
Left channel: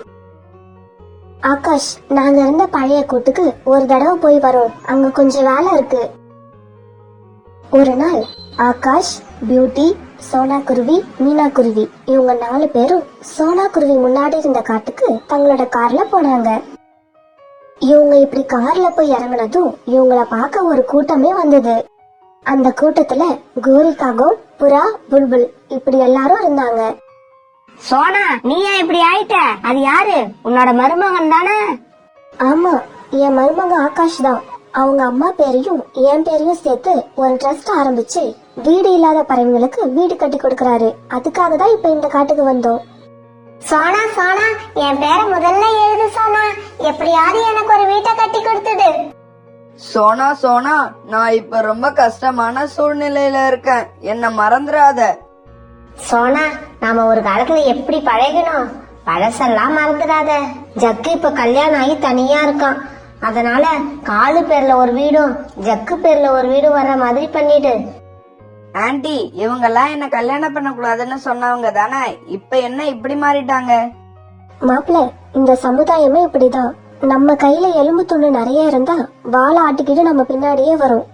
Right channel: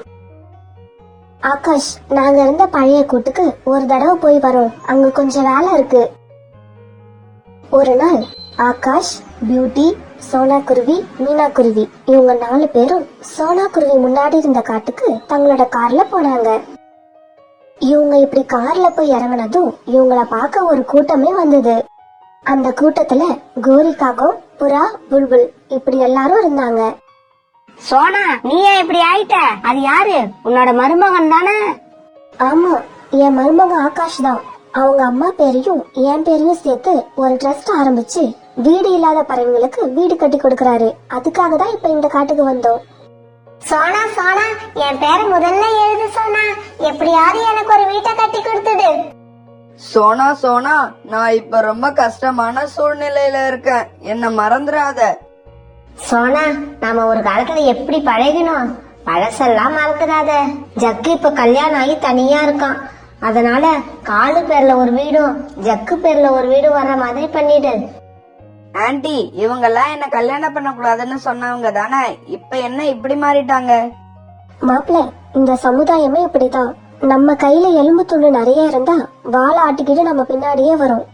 ஆகாஷ், நாங்க இருந்த பழைய கூட்டுக்கு ஒரு தடவை போய் வரோம், அங்க கொஞ்சம் வேலை இருக்கு. ஒரு நாள் ஆகாஷ், பியூட்டி, சோனா குருவி, மீனா குருவி இவங்க 4 பேரும் சோனா குருவி முன்னாடி இருந்த காட்டுக்கு தங்களோட கார்ல போனாங்க. இவங்க இப்படி கார்ல போய் இறங்கினதும் இவங்கள பார்க்க ஒரு கூட்டமே வந்தது. அந்த கூட்டத்துல கோரிக்காகம், புறா, புல்புல் இப்படி எல்லாரும் இருந்தாங்க. சோனா, நீ ஏன் இப்படி ஆயிட்ட? அது யாரு? உன்னோட மருமகன் தானே? ஆமா, என் மருமகன் ஆகாஷ் தான். அவங்க அம்மா பேரையும் என் பேரையும் சேர்த்து ஒரு ட்ரஸ்ட் ஆரம்பிச்சு வீடு இல்லாத பறவைகளுக்கு வீடு கட்டி கொடுக்கறாரு. அதுக்காக தான் இப்ப இந்த காட்டுக்கு வந்தோம். சோனா சோனா, என் பேரை முதல்ல எழுது சோனா. எப்படியாவது எனக்கு ஒரு வீட்டை கட்டி கொடுத்துடு. சோனா சோனா, நான் இப்ப ரொம்ப கஷ்டமான சூழ்நிலையில இருக்கேன், என்ன மறந்துடாத. சோனா, நாம ஒரு காலத்துல எப்படி பழகினோம். பழசெல்லாம் மறந்துடாத. ஜக்கு இப்ப கல்யாணம் ஆகி தனியா இருக்கான். அதனால காலு பேர்ல ஒரு வீடும் ஜக்கு பேர்ல ஒரு வீடும் வர்ற மாதிரி பண்ணிடு. ஆன்ட்டி, இவங்கெல்லாம் என்ன கல்யாணம் பண்ண கூடாதுன்னு சொன்னவங்க தானே, இப்ப என்ன இப்படி மாறிட்டாங்க? மாப்பிள்ள, இந்த சமுதாயமே இப்படிதான். நம்ம கையில எலும்பு துண்டு நிறைய இருந்தா வாழை ஆட்டிக்கிட்டு நம்ம பின்னாடியே வரும்.